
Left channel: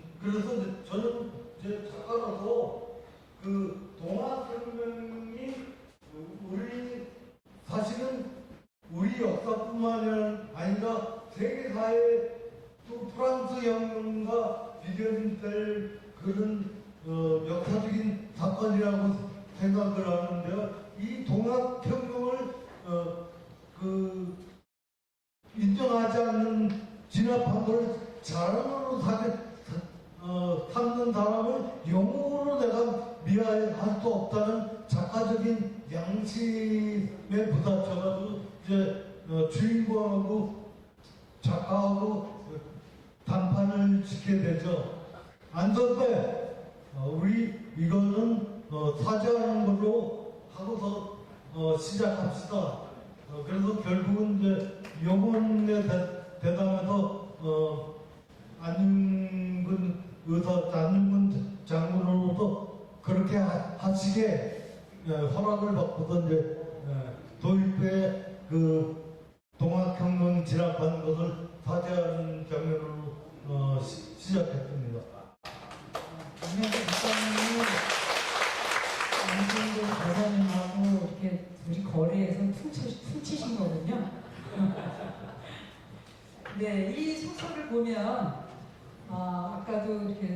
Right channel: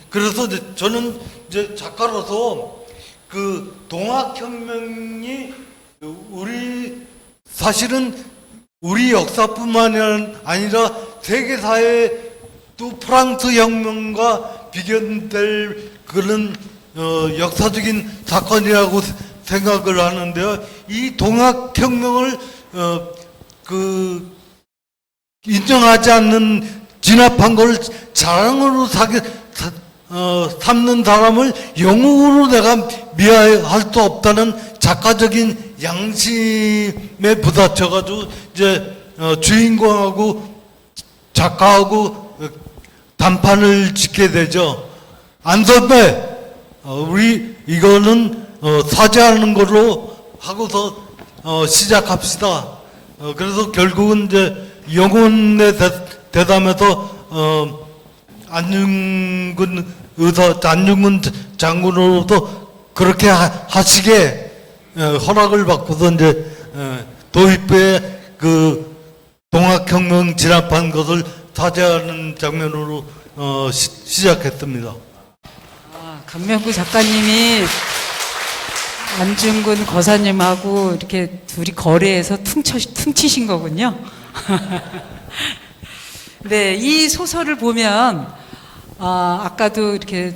그래서 이제 저는 이제 작가로서 그 동학혁명이 사실은 우리 역사뿐만 아니라 세계사의 또 프랑스 혁명과 비견될 그런 역사적인 사건이라고 생각을 하는데요. 이 동학혁명을 인정하지 않는 진압한 걸 자랑으로 삼는 사람을 영웅으로 내가 미화할 수 없다는 작가적인 양심에 부딪혀가지고 이제 주인공하고 작가하고 단판을 짓게 되죠. 안 선배, 우리 이거는 사죄하는 걸로 하고서 시작합시다. 그래서 결국은 이제 영혼의 대담에서 안중근 장군으로부터 그렇게 하시게 허락을 받고서 이제 도입부에 그 동학혁명 진압한 것을 사죄하는 장면으로 시작했습니다. 강명구 작가님이 안중근 거사님하고 이렇게 둘이 거래해서 퉁치신 거군요. 네, 이 소설을 보면 아까도 이렇게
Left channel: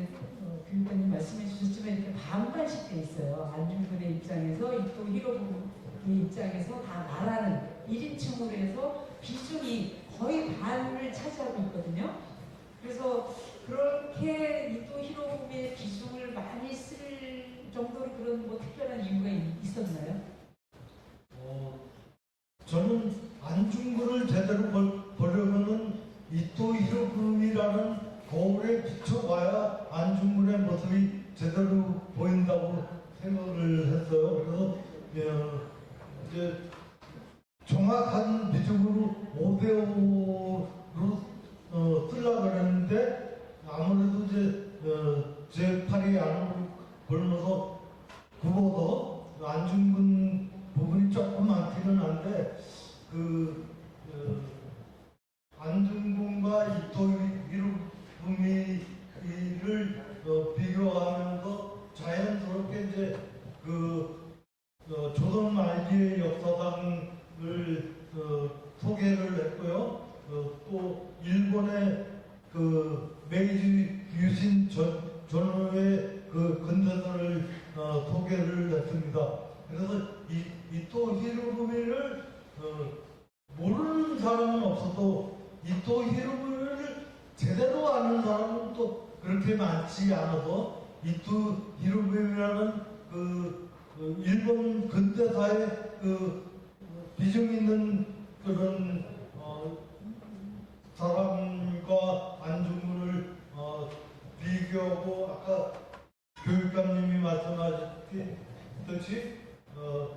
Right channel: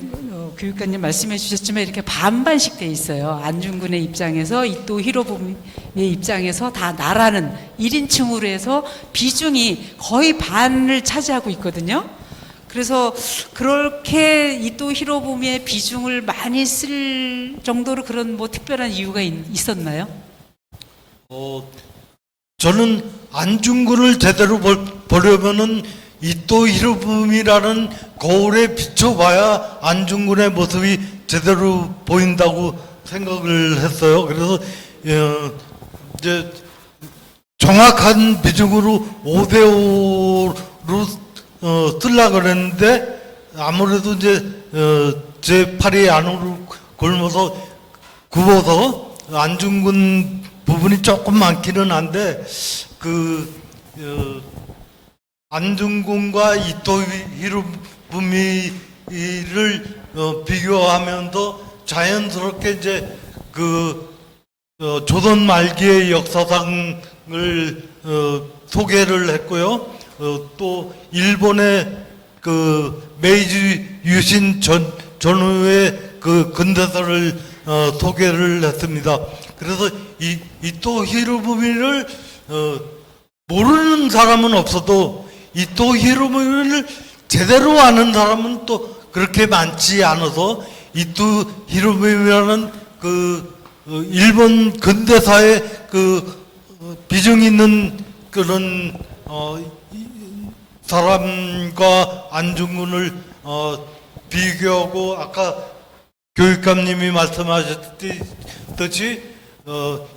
교육관님 말씀해 주셨지만 이렇게 반반씩 돼 있어요. 안중근의 입장에서 이또 히로부미의 입장에서 다 나라는 1인칭으로 해서 비중이 거의 반을 차지하고 있거든요. 그래서 그렇게 이또 히로부미의 비중을 많이 쓸 정도로 그런 뭐 특별한 이유가 있었나요? 저는 안중근을 제대로 보려면은 이또 히로부미라는 거울에 비춰봐야 안중근의 모습이 제대로 보인다고 생각을 했어요. 그래서 이제 정확한 비중으로 5대5로 쓰려고 그랬는데 아무래도 이제 제 팔이 안으로 굽어서 안중근 부분이 조금 많기는 한데 안중근과 이또 히로부미의 비교하면서 자연스럽게 이제 조선 말기의 역사상을 소개를 했고요. 또 일본의 메이지 유신 전후의 근대사를 소개를 했습니다. 그래서 이토 히로부미를 모르는 사람은 없어도 이토 히로부미를 제대로 아는 사람은 또 그렇게 많지 않아서 이토 히로부미라는 일본 근대사의 비중 있는 그런 사람과 안중근을 비교하고 아까 교육감님이 말씀하셨듯이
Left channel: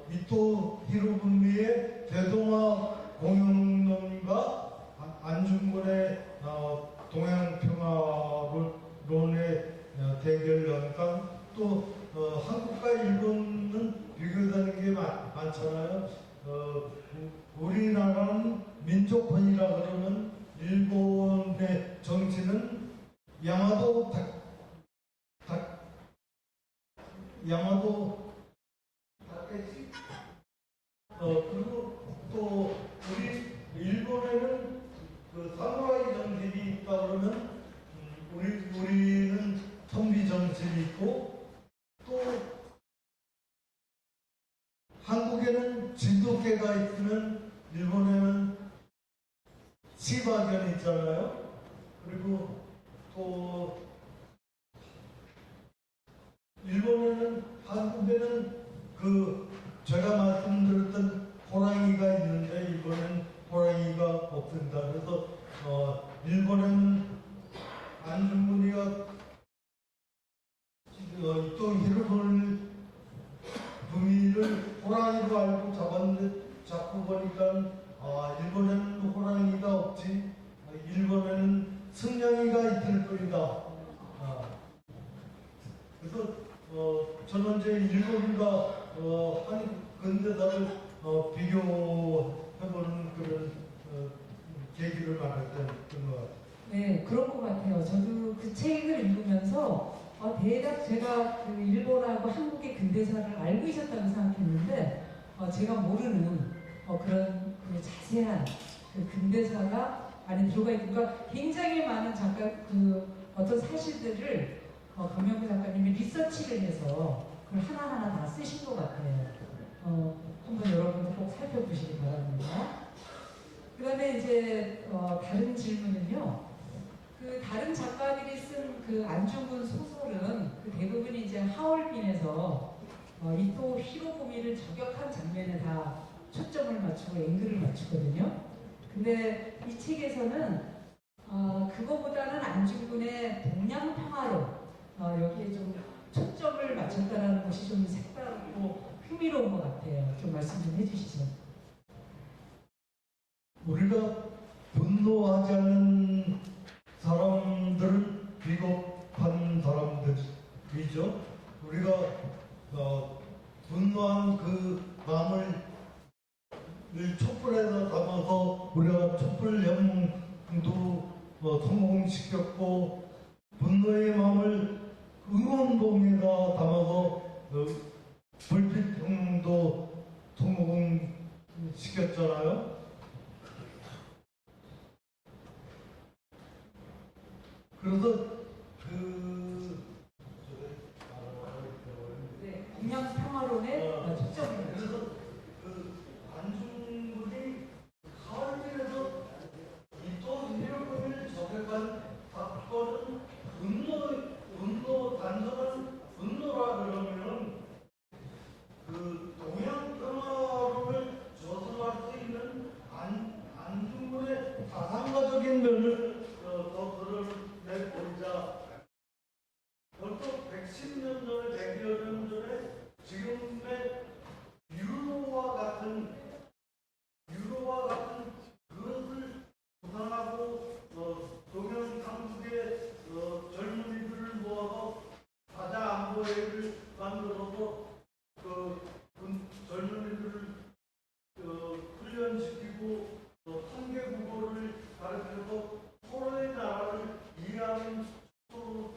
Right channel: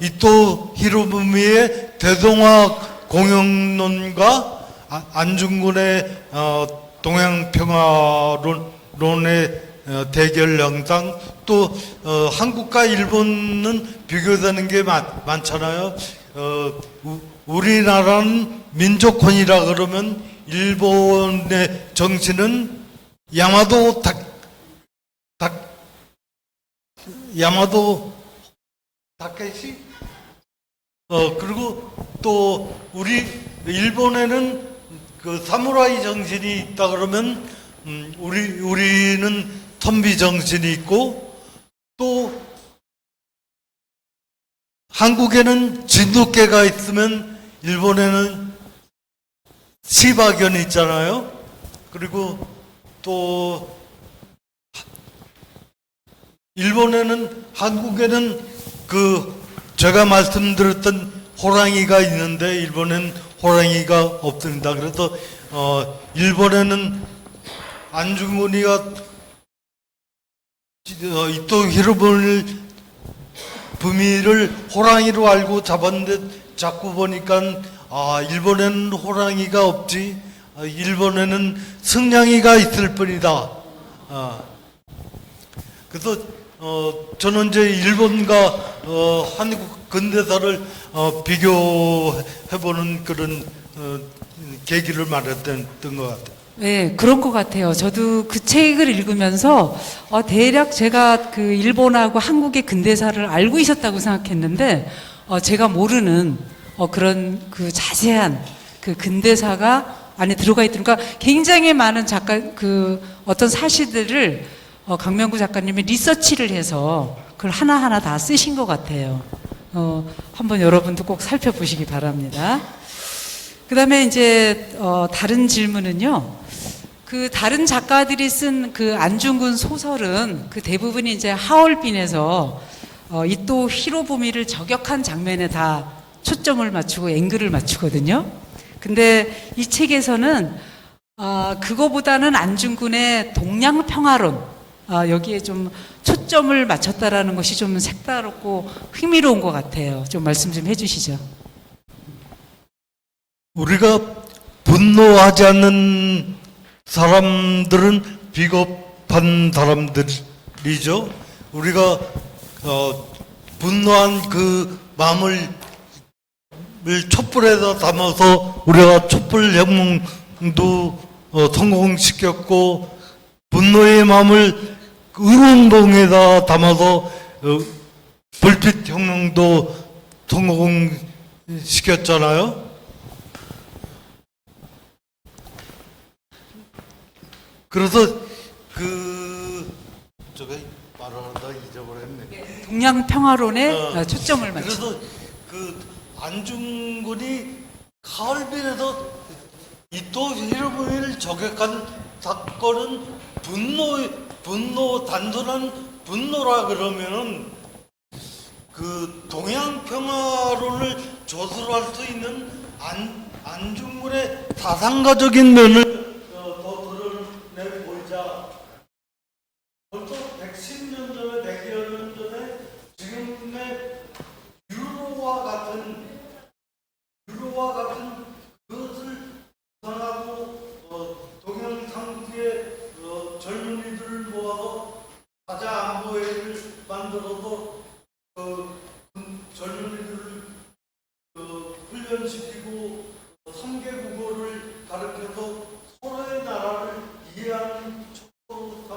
이토 히로부미의 대동아 공영론과 안중근의 동양평화론의 대결 영상 또 한국과 일본은 비교되는 게 많잖아요. 우리나라는 민족혼이라 그러면 일본의 정신은 야마도 다케시 그리고 또 우리 일본에는 사무라이 정신이 있다 그러면 우리는 선비 정신이 있고 또 한국에는 진돗개가 있으면 일본에는 시바견이 있잖아요. 그리고 또 일본에는 한국에는 제가 말씀드렸던 호랑이가 있는데 일본에는 호랑이가 없습니다. 그래서 일본에는 안중근이가 이토 히로부미를 호랑이로 알고 잡았는데 자꾸 보니까 일본에는 호랑이가 없지, 일본에는 승냥이가 있을 뿐이다. 그래서 저는 이제 일본과 한국 근대사를 비교해보는 그런 계기를 마련했던 것 같아요. 네, 그런 것 같아요. 저도 그 책을 읽으면서 대략 제가 일본하고 한국의 근대사를 알고 있었다고 생각했는데 제가 모르는 그런 자세한 근대사가 안에 들어가 있으니까 굉장히 많은 어떤 사실들을 강명구 작가님이 리서치를 해서 그걸 하나하나 다 쓰신 것 같아요. 한번 여러분도 꼭 살펴보시기 바랍니다. 그 다음에 이제 다른 질문은요. 다른 작가들이 쓴 안중근 소설은 대부분이 이제 하얼빈에서 이토 히로부미를 저격한 장면에 다 초점을 맞추고 앵글을 맞추거든요. 근데 이 책에서는 그거보다는 안중근의 동양평화론 여기에 좀 초점을 맞췄다라는 것이 좀 색다르고 흥미로운 것 같아요. 좀 말씀 좀 해주시죠. 우리가 분노하지 않는 사람들은 비겁한 사람들이죠. 우리가 분노한 그 마음을 촛불에다 담아서 우리가 촛불혁명도 성공시켰고 분노의 마음을 의운동에다 담아서 불빛혁명도 성공시켰잖아요. 그래서 저거 말하다 잊어버렸네. 동양평화론에 초점을 맞추. 그래서 안중근이 하얼빈에서 이토 히로부미를 저격한 사건은 단순한 분노라 그러면은 동양평화론을 조술할 수 있는 안중근의 사상가적인 면을 보자. 벌써 110년 전에, 100년 전에 지금의 유로와 같은 그것을 구상하고 동양 상주의 젊은이들을 모아서 사자 안보회를 만들어서 젊은이들을 훈련시키고 3개 국어를 가르쳐서 서로의 나라를 이해하는 촉구로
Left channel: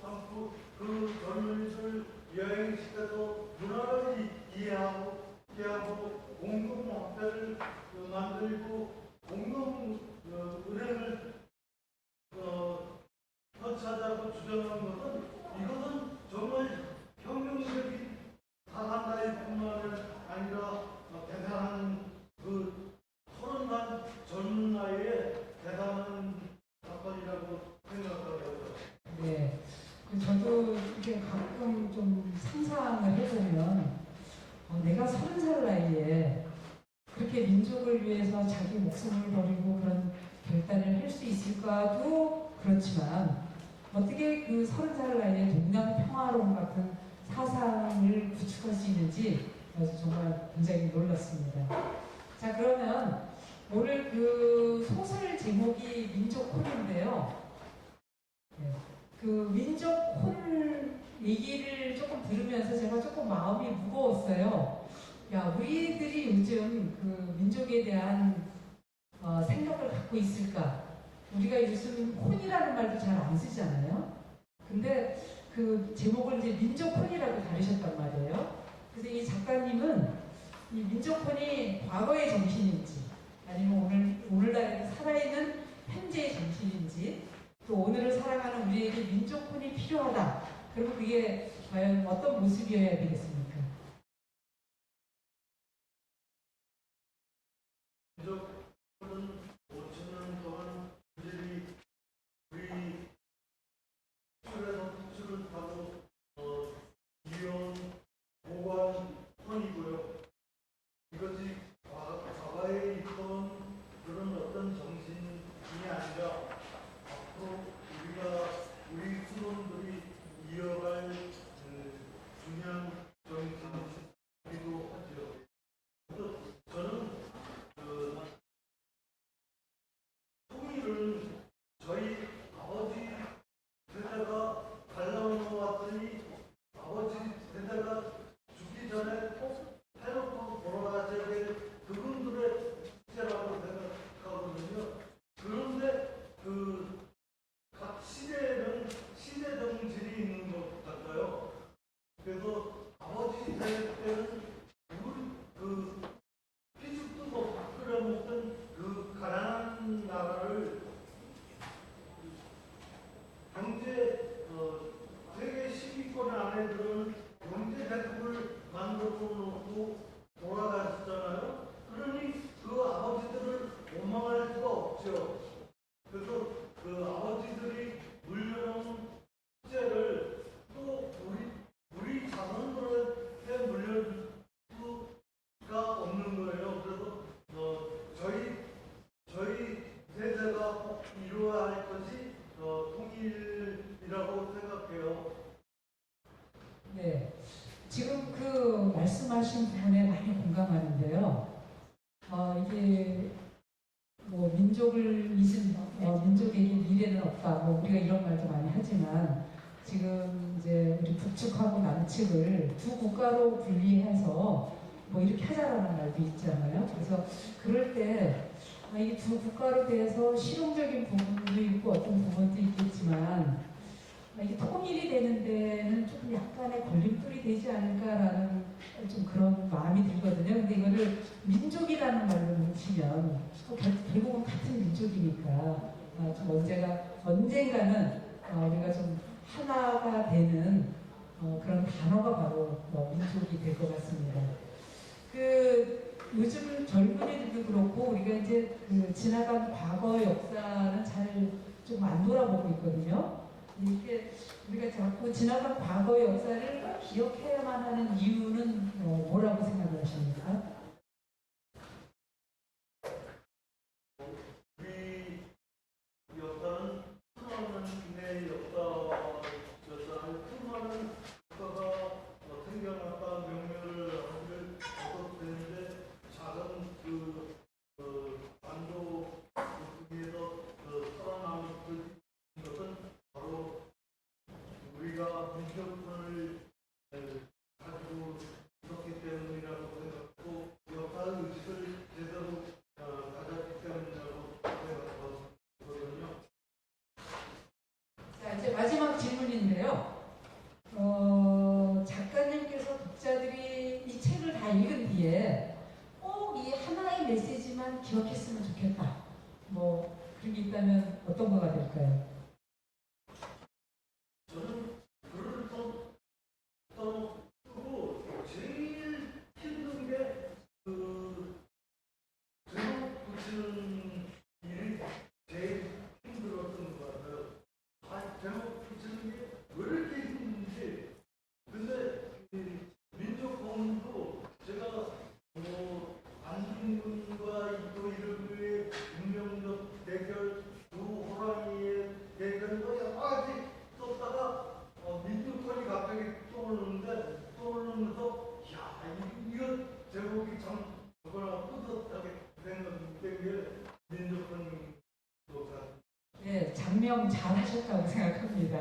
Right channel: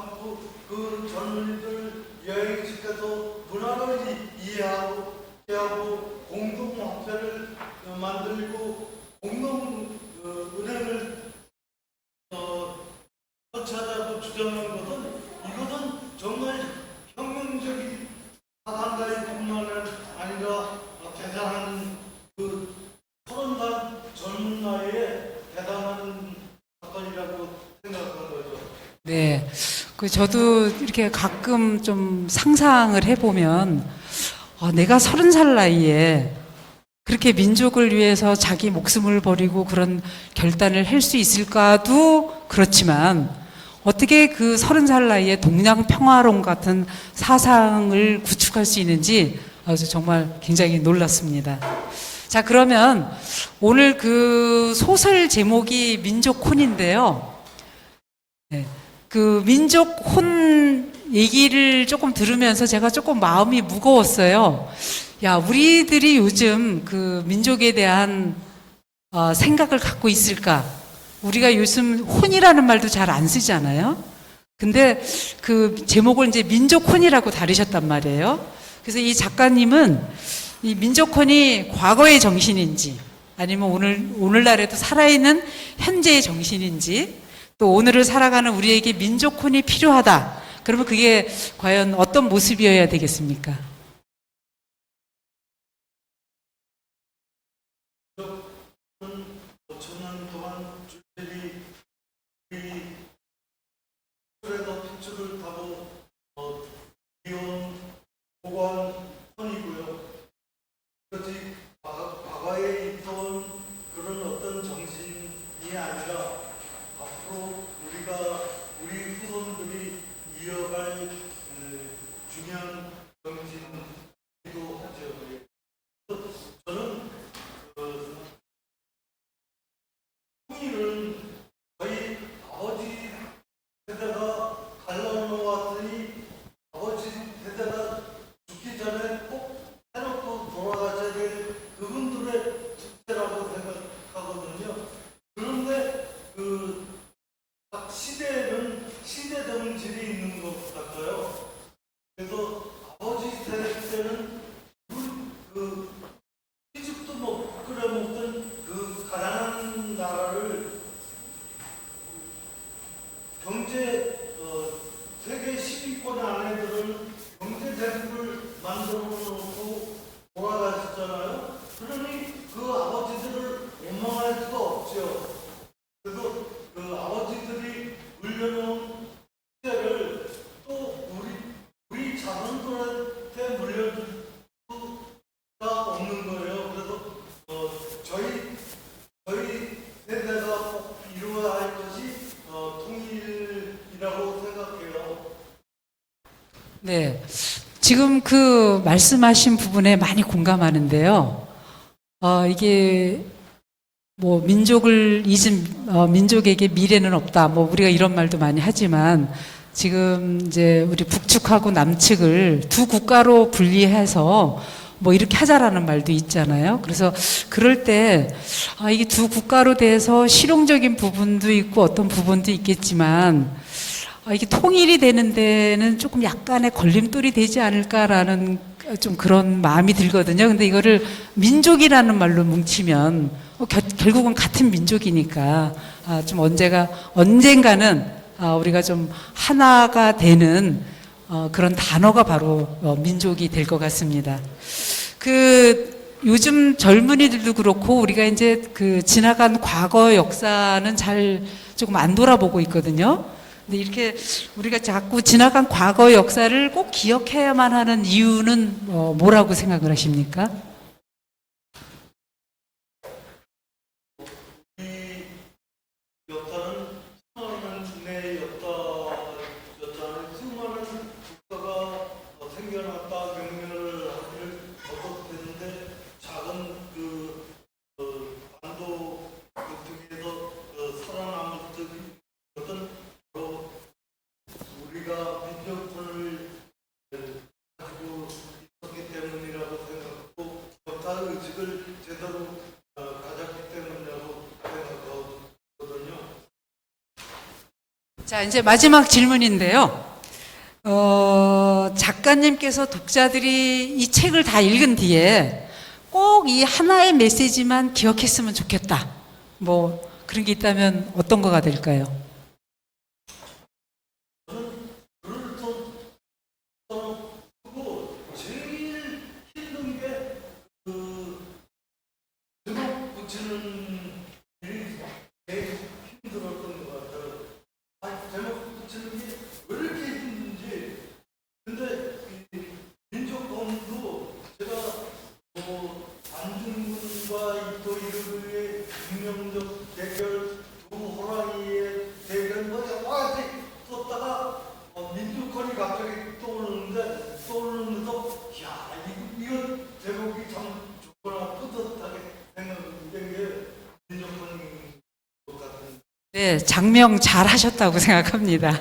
그 저도 이렇게 가끔 좀 상상을 해보면 내가 30살 나이에 그렇게 민족을 위해서 자기 목숨을 버리고 그런 결단을 할 수 있을까도 그렇지만 어떻게 그 30살 나이에 동양 평화론 같은 사상을 구축할 수 있는지 그래서 정말 굉장히 놀랐습니다. 자, 그러면 오늘 그 소설 제목이 민족혼인데요. 네. 그 민족혼 얘기를 조금 들으면서 제가 조금 마음이 무거웠어요. 야, 우리들이 요즘 그 민족에 대한 생각을 갖고 있을까? 우리가 요즘 혼이라는 말도 잘 안 쓰잖아요. 근데 그 제목을 이제 민족혼이라고 다루셨단 말이에요. 그래서 이 작가님은 이 민족혼이 과거의 정신인지 아니면 오늘날에도 살아있는 현재의 정신인지 또 오늘을 살아가는 우리에게 민족혼이 필요하다. 그러면 그게 과연 어떤 모습이어야 되겠습니까? 네, 지금 그 말씀하신 부분에 많이 공감하는데요. 이게 뭐 민족을 잊은 민족에게 미래는 없다. 뭐 우리가 이런 말도 많이 하지만 지금 이제 우리 북측하고 남측을 두 국가로 분리해서 뭐 이렇게 하자라는 말도 있잖아요. 그래서 그럴 때 이게 두 국가로 돼서 실용적인 부분도 있고 어떤 부분도 있겠지만 이게 통일이 되는 데는 조금 약간의 걸림돌이 되지 않을까라는 좀 그런 마음이 들거든요. 근데 이거를 민족이라는 말로 뭉치면 결국은 같은 민족이니까 좀 언젠가는 우리가 좀 하나가 되는 그런 단어가 바로 민족이 될 것 같습니다. 그 요즘 젊은이들도 그렇고 우리가 이제 그 지나간 과거 역사는 잘 조금 안 돌아보고 있거든요. 근데 이렇게 우리가 자꾸 지나간 과거 역사를 꼭 기억해야만 하는 이유는 뭐라고 생각을 하십니까? 자, 이제 마지막 질문인데요. 작가님께서 독자들이 이 책을 다 읽은 뒤에 꼭 이 하나의 메시지만 기억했으면 좋겠다. 뭐 그런 게 있다면 어떤 거가 될까요? 네, 장명 잘 하셨다고 생각합니다.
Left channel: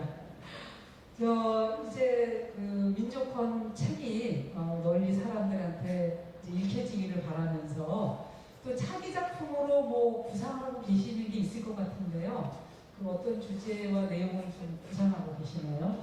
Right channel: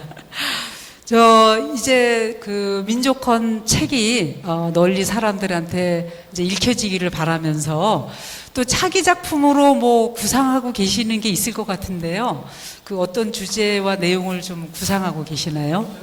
저 이제 그 민족헌 책이 널리 사람들한테 이제 읽혀지기를 바라면서 또 차기 작품으로 뭐 구상하고 계시는 게 있을 것 같은데요. 그 어떤 주제와 내용을 좀 구상하고 계시나요?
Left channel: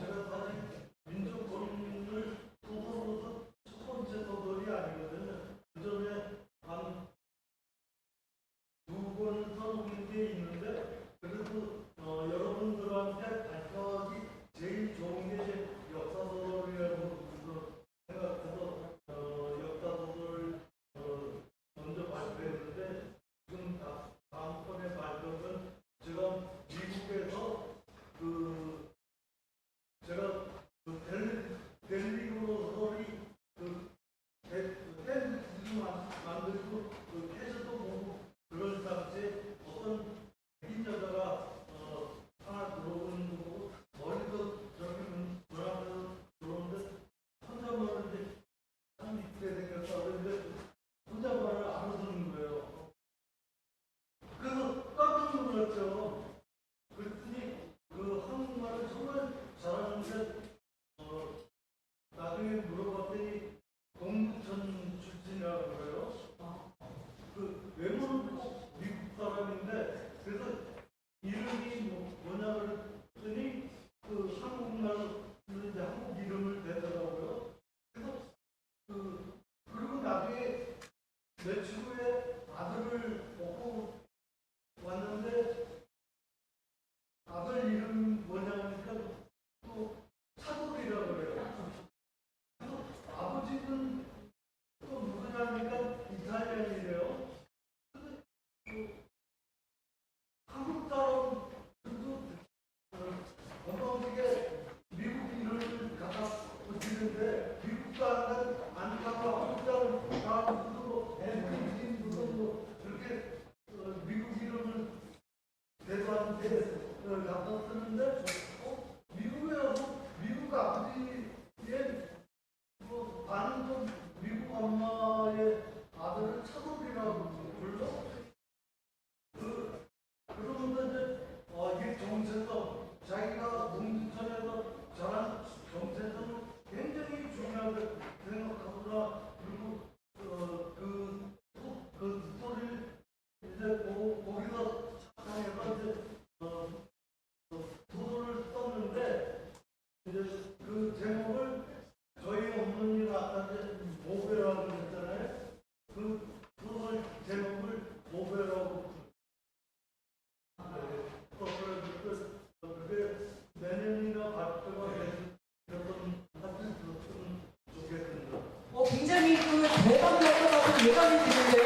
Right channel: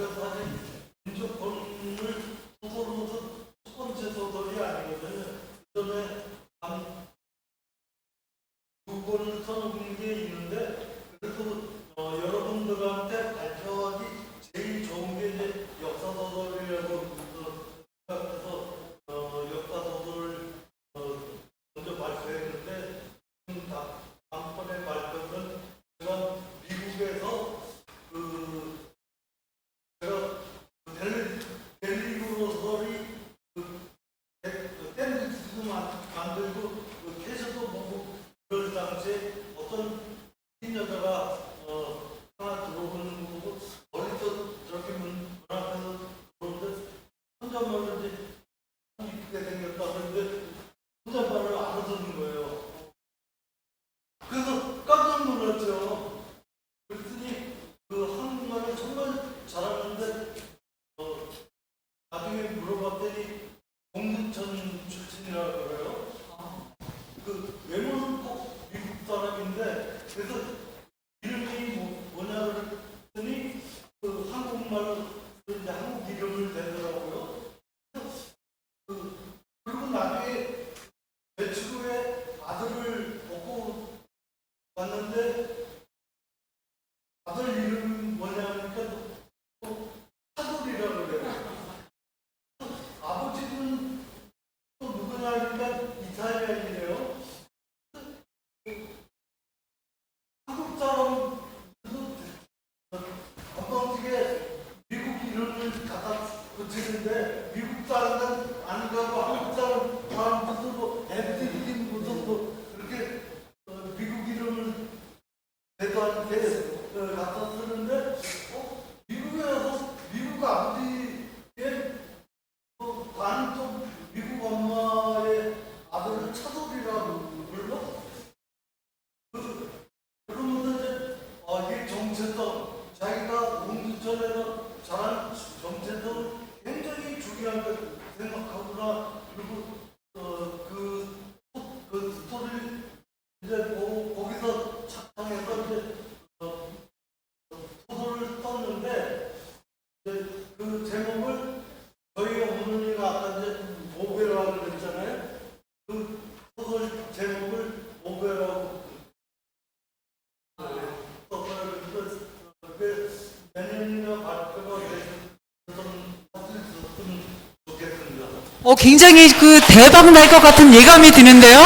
굉장히 그 대박 날 것 같은 예감이 드는데요.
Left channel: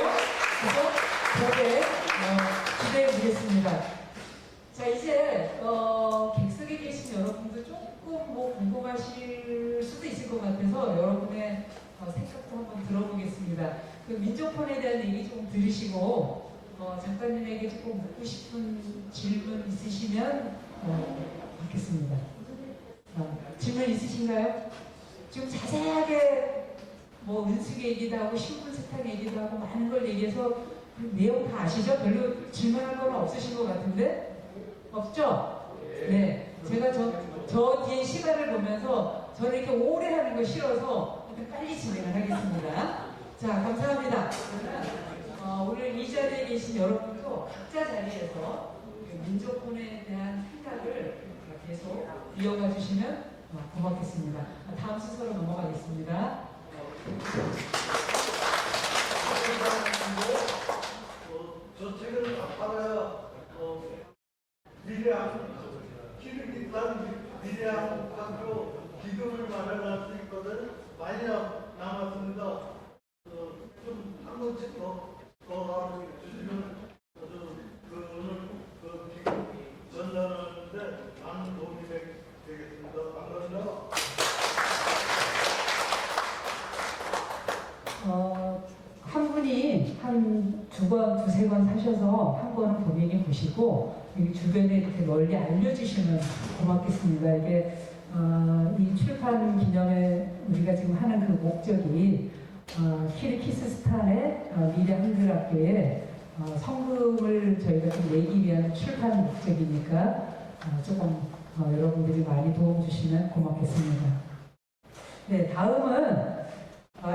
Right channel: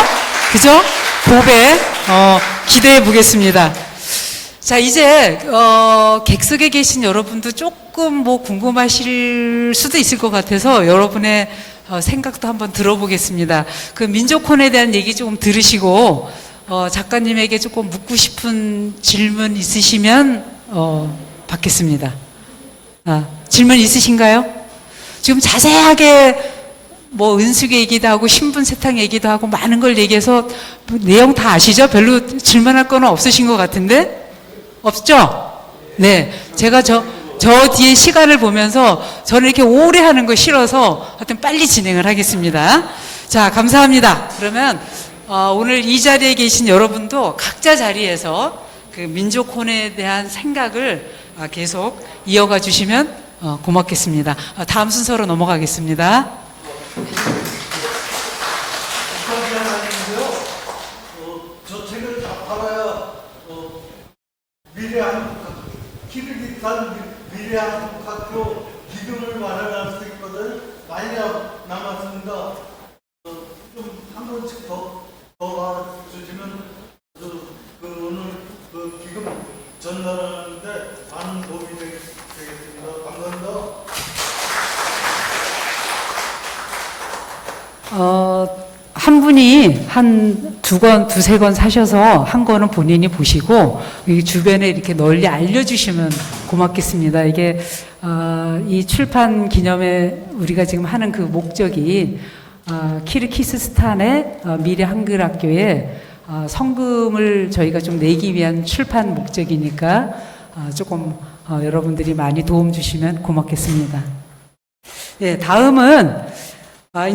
그죠? 고백, 기대해 보겠습니다. 자, 이제, 객석에 계신 여러분도 조금 뭐 궁금하실 수도 있을 것 같아서 여러분의 생각도 한번 들어보겠습니다. 그 민족혼에 대한 얘기 조금 들으시고, 작가님에게 조금 묻고 싶은 질문 있으시면, 받겠습니다. 질문 있으신가요? 지금 자세하게 뭐 은숙 얘기도 하고 신분 세탁 얘기도 하고 많은 걸 얘기해서 내용 다 아시죠? 별로 질문할 건 없으신 것 같은데? 없죠? 네. 제가 저 뒤에 시간을 보면서 저는 이렇게 오래 하는 거 싫어서 하여튼 빨리 진행을 하겠습니다. 자, 감사합니다. 그러면 오늘 이 자리에 계신 여러분도 각자 자리에서 그 민족혼에 대한 생각을 계속 이어가 주시면 고맙겠습니다. 다음 순서로 넘어가겠습니다. 저 책을 다 팔아야 미래 한국학교, 키를 비롯한 미래 한국학교 기금을 마련할 수 있거든. 많이 남았습니다. 좀 한 번씩 더 알아주시면 오늘 그 기금 전달하는데 많은 도움이 되겠습니다. 감사합니다. 한 분이 한 두세 권 사셔서 한 권은 본인이 보시고 이 주변에 이렇게 널리 알려주시면 고맙겠습니다. 이게 이 출판 기념회 우리가 지금 하는 그 목적이 키르기스스탄의 미래 한글학교에 성금을 저희가 좀 내기 위한 출판 목적이니까 조금 여러분들이 많이 도움 주시면 고맙겠습니다. 예, 다음은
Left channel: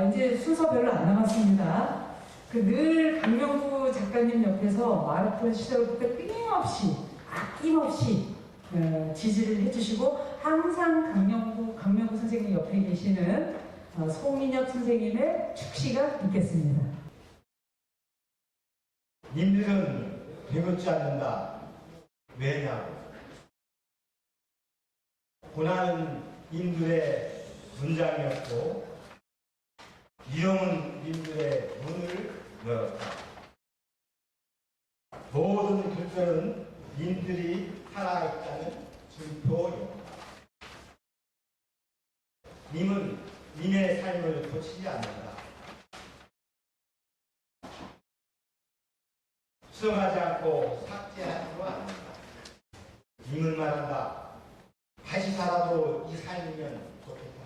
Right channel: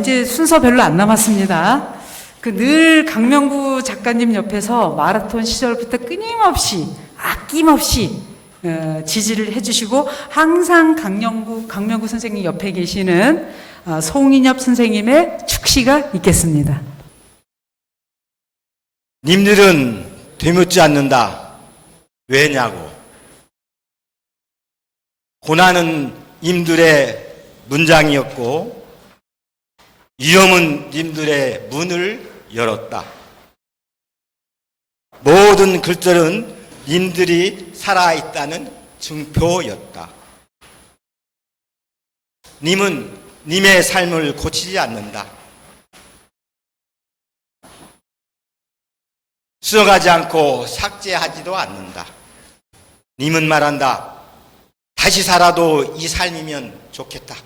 이제 순서 별로 안 남았습니다. 늘 강명구 작가님 옆에서 마라톤 시절부터 끊임없이 아낌없이 지지를 해주시고 항상 강명구 선생님 옆에 계시는 송인엽 선생님의 축시가 있겠습니다. 님들은 되묻지 않는다. 왜냐고? 고난은 님들의 문장이었고 위험은 님들의 문을 열었다. 모든 글들은 님들이 살아있다는 증표였다. 님은 님의 삶을 고치지 않는다. 쓰어가지 않고 삭제하지도 않는다. 님은 말한다. 다시 살아도 이 삶이면 좋겠다.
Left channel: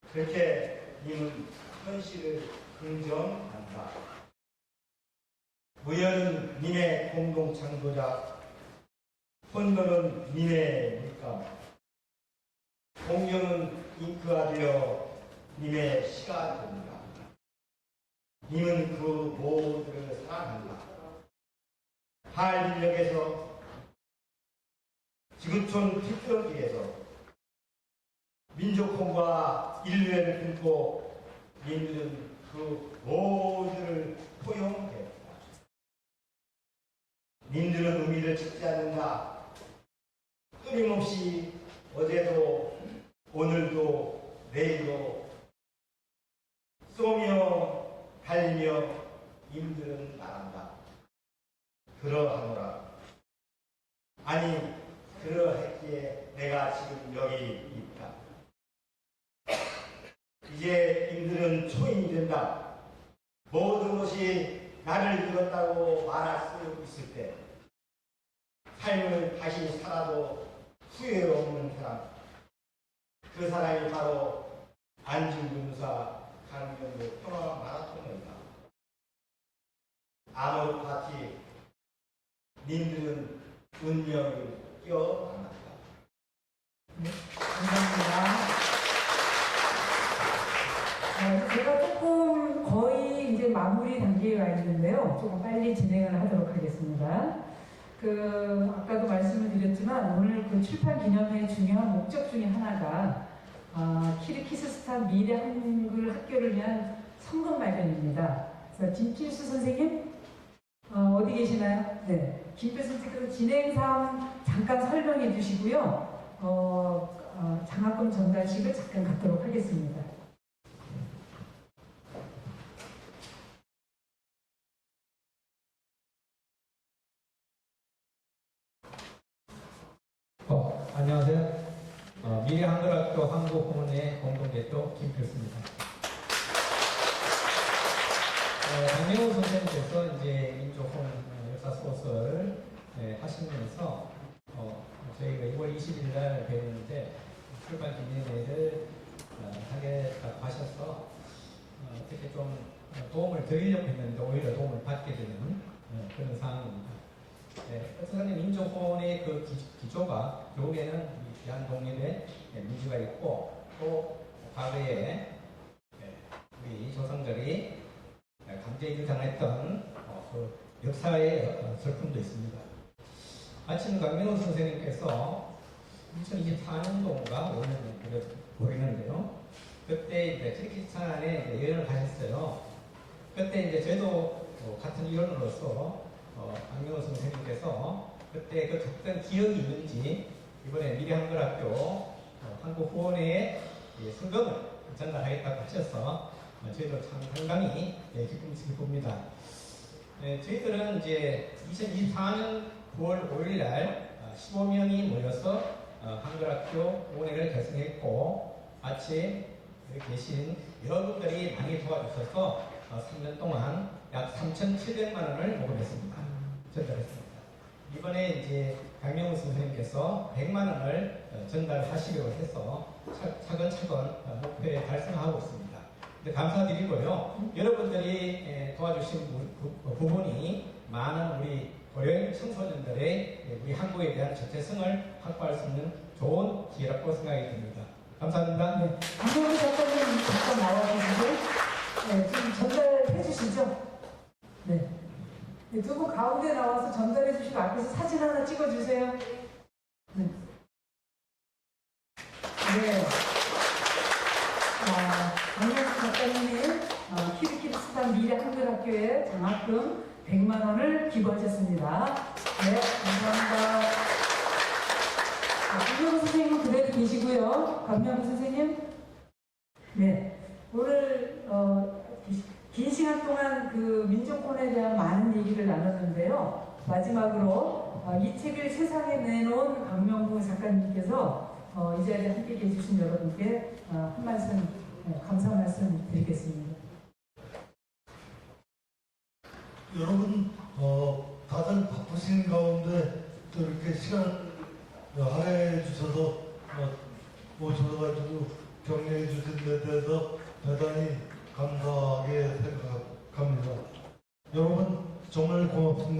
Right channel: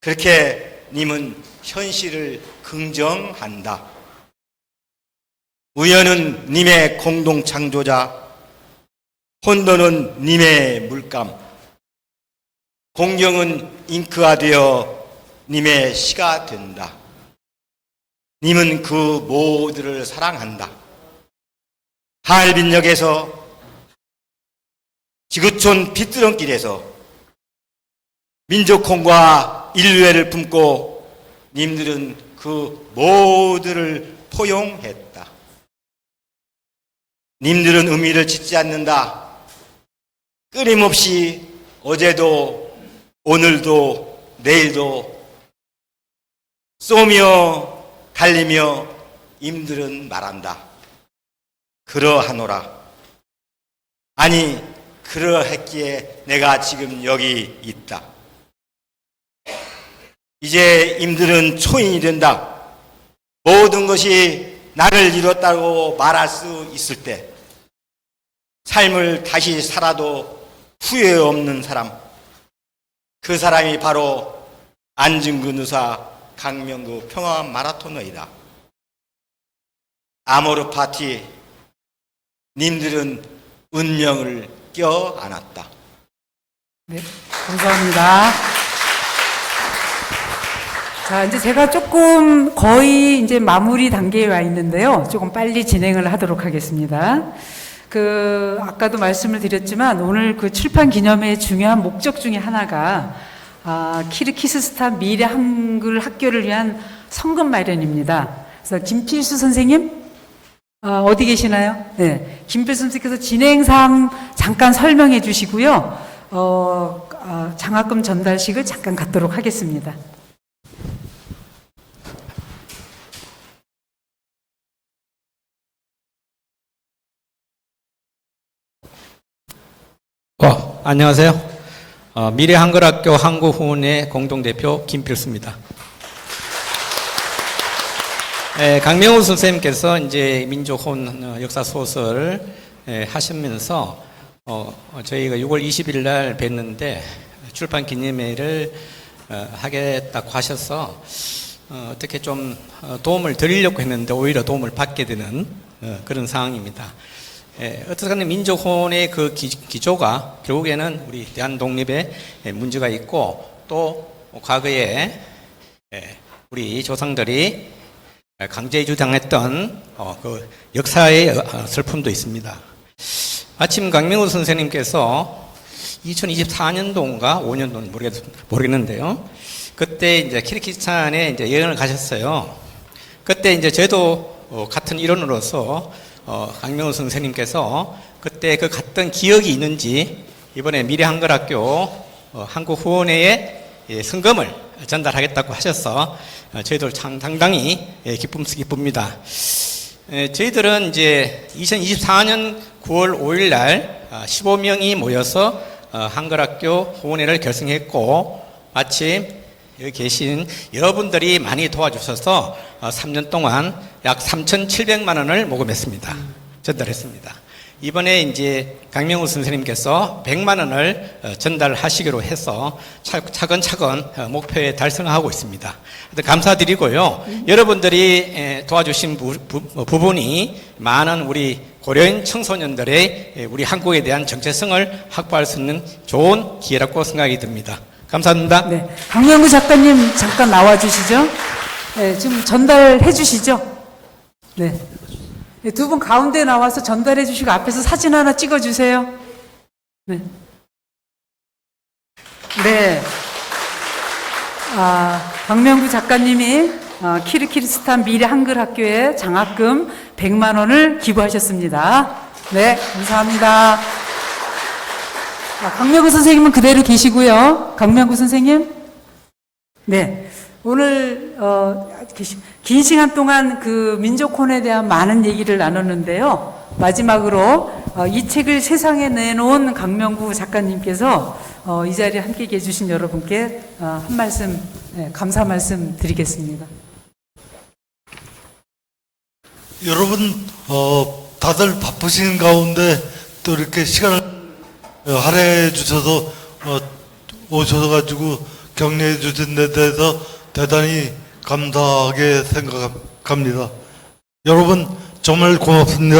그렇게 님은 현실을 긍정한다. 우연은 님의 공동 창조자, 혼돈은 님의 물감, 공경은 잉크가 되어 님의 시가 된다. 님은 그 모두를 사랑한다. 하얼빈역에서 지구촌 빗드렁길에서 민족혼과 인류애를 품고 님들은 그 모두를 포용했다. 님들은 의미를 짓지 않는다. 끊임없이 어제도 오늘도 내일도 쏘며 달리며 님들은 말한다. 그러하노라. 아니 그러했기에 내가 지금 여기 있다. 이제 임들은 초인이 된다. 모든 것이 나를 이뤘다고 말할 수 있을 때 삶을 다시 살아도 후회 없는 사람, 그 사람이 바로 안중근 의사 강명구 평화 마라토너이다. 아모르 파티, 님들은 운명을 껴안았다. 네, 감사합니다. 자, 이제 제가 조금 거의 이제 마무리 단계에 와 있는데요. 조금 빨리 진행을 하도록 하겠습니다. 아까도 말씀을 드렸지만 오늘 그 출판 기념회의 중요한 목적 중에 하나가 키르기스스탄 미래 한글 학교를 위한 성금 마련입니다. 그래서 김필수 선생님 어디 계시나요? 네, 김필수 선생님께서 진행사항 잠깐 설명해 주시고요. 장학금 전달식을 잠깐 갖도록 하겠습니다. 안녕하세요. 미래한글학교 한국후원회 공동대표 김필수입니다. 강명우 선생님께서 이제 민족혼 역사 소설 하시면서 저희가 6월 20일 날 뵀는데 출판 기념회를 하겠다고 하셔서 어떻게 좀 도움을 드리려고 했는데 오히려 도움을 받게 되는 그런 상황입니다. 어떻게 민족혼의 그 기조가 결국에는 우리 대한 독립에 문제가 있고 또 과거에 우리 조상들이 강제 주장했던 그 역사의 슬픔도 있습니다. 마침 강명우 선생님께서 2024년도인가 5년도는 모르겠는데요. 그때 이제 키르기스탄에 이제 여행을 가셨어요. 그때 이제 저도 같은 일원으로서 강명우 선생님께서 그때 그 갔던 기억이 있는지 이번에 미래한글학교 한국후원회에 성금을 전달하겠다고 하셔서 저희들 참 상당히 기쁩니다. 저희들은 이제 2024년 9월 5일 날 15명이 모여서 한글학교 후원회를 결성했고 마침 여기 계신 여러분들이 많이 도와주셔서 3년 동안 약 3,700만 원을 모금했습니다. 전달했습니다. 이번에 이제 강명우 선생님께서 100만 원을 전달하시기로 해서 차근차근 목표에 달성하고 있습니다. 감사드리고요. 여러분들이 도와주신 부분이 많은 우리 고려인 청소년들의 우리 한국에 대한 정체성을 확보할 수 있는 좋은 기회라고 생각이 듭니다. 감사합니다. 네. 강명구 작가님 잠깐 나와 주시죠. 네, 좀 전달해 주시죠. 네. 두 분 가운데 나와서 전달해 주시고 앞에서 사진 하나 찍어 주세요. 네. 네. 강명구 작가님이 키르키스탄 미래 한글학교에 장학금 100만 원을 기부하셨습니다. 네, 감사합니다. 강명구 선생님은 그대로 계시고요. 강명구 선생님. 네. 오늘 긴 시간 동안 그 민족혼에 대한 많은 얘기를 나눴는데요. 마지막으로 이 책을 세상에 내놓은 강명구 작가님께서 이 자리에 함께 해주신 여러분께 한 말씀, 감사 말씀 드리겠습니다. 여러분 다들 바쁘신 가운데 또 이렇게 시간을 할애해 주셔서 오셔가지고 격려해 주신 데 대해서 대단히 감사하게 생각합니다. 여러분 정말 고맙습니다.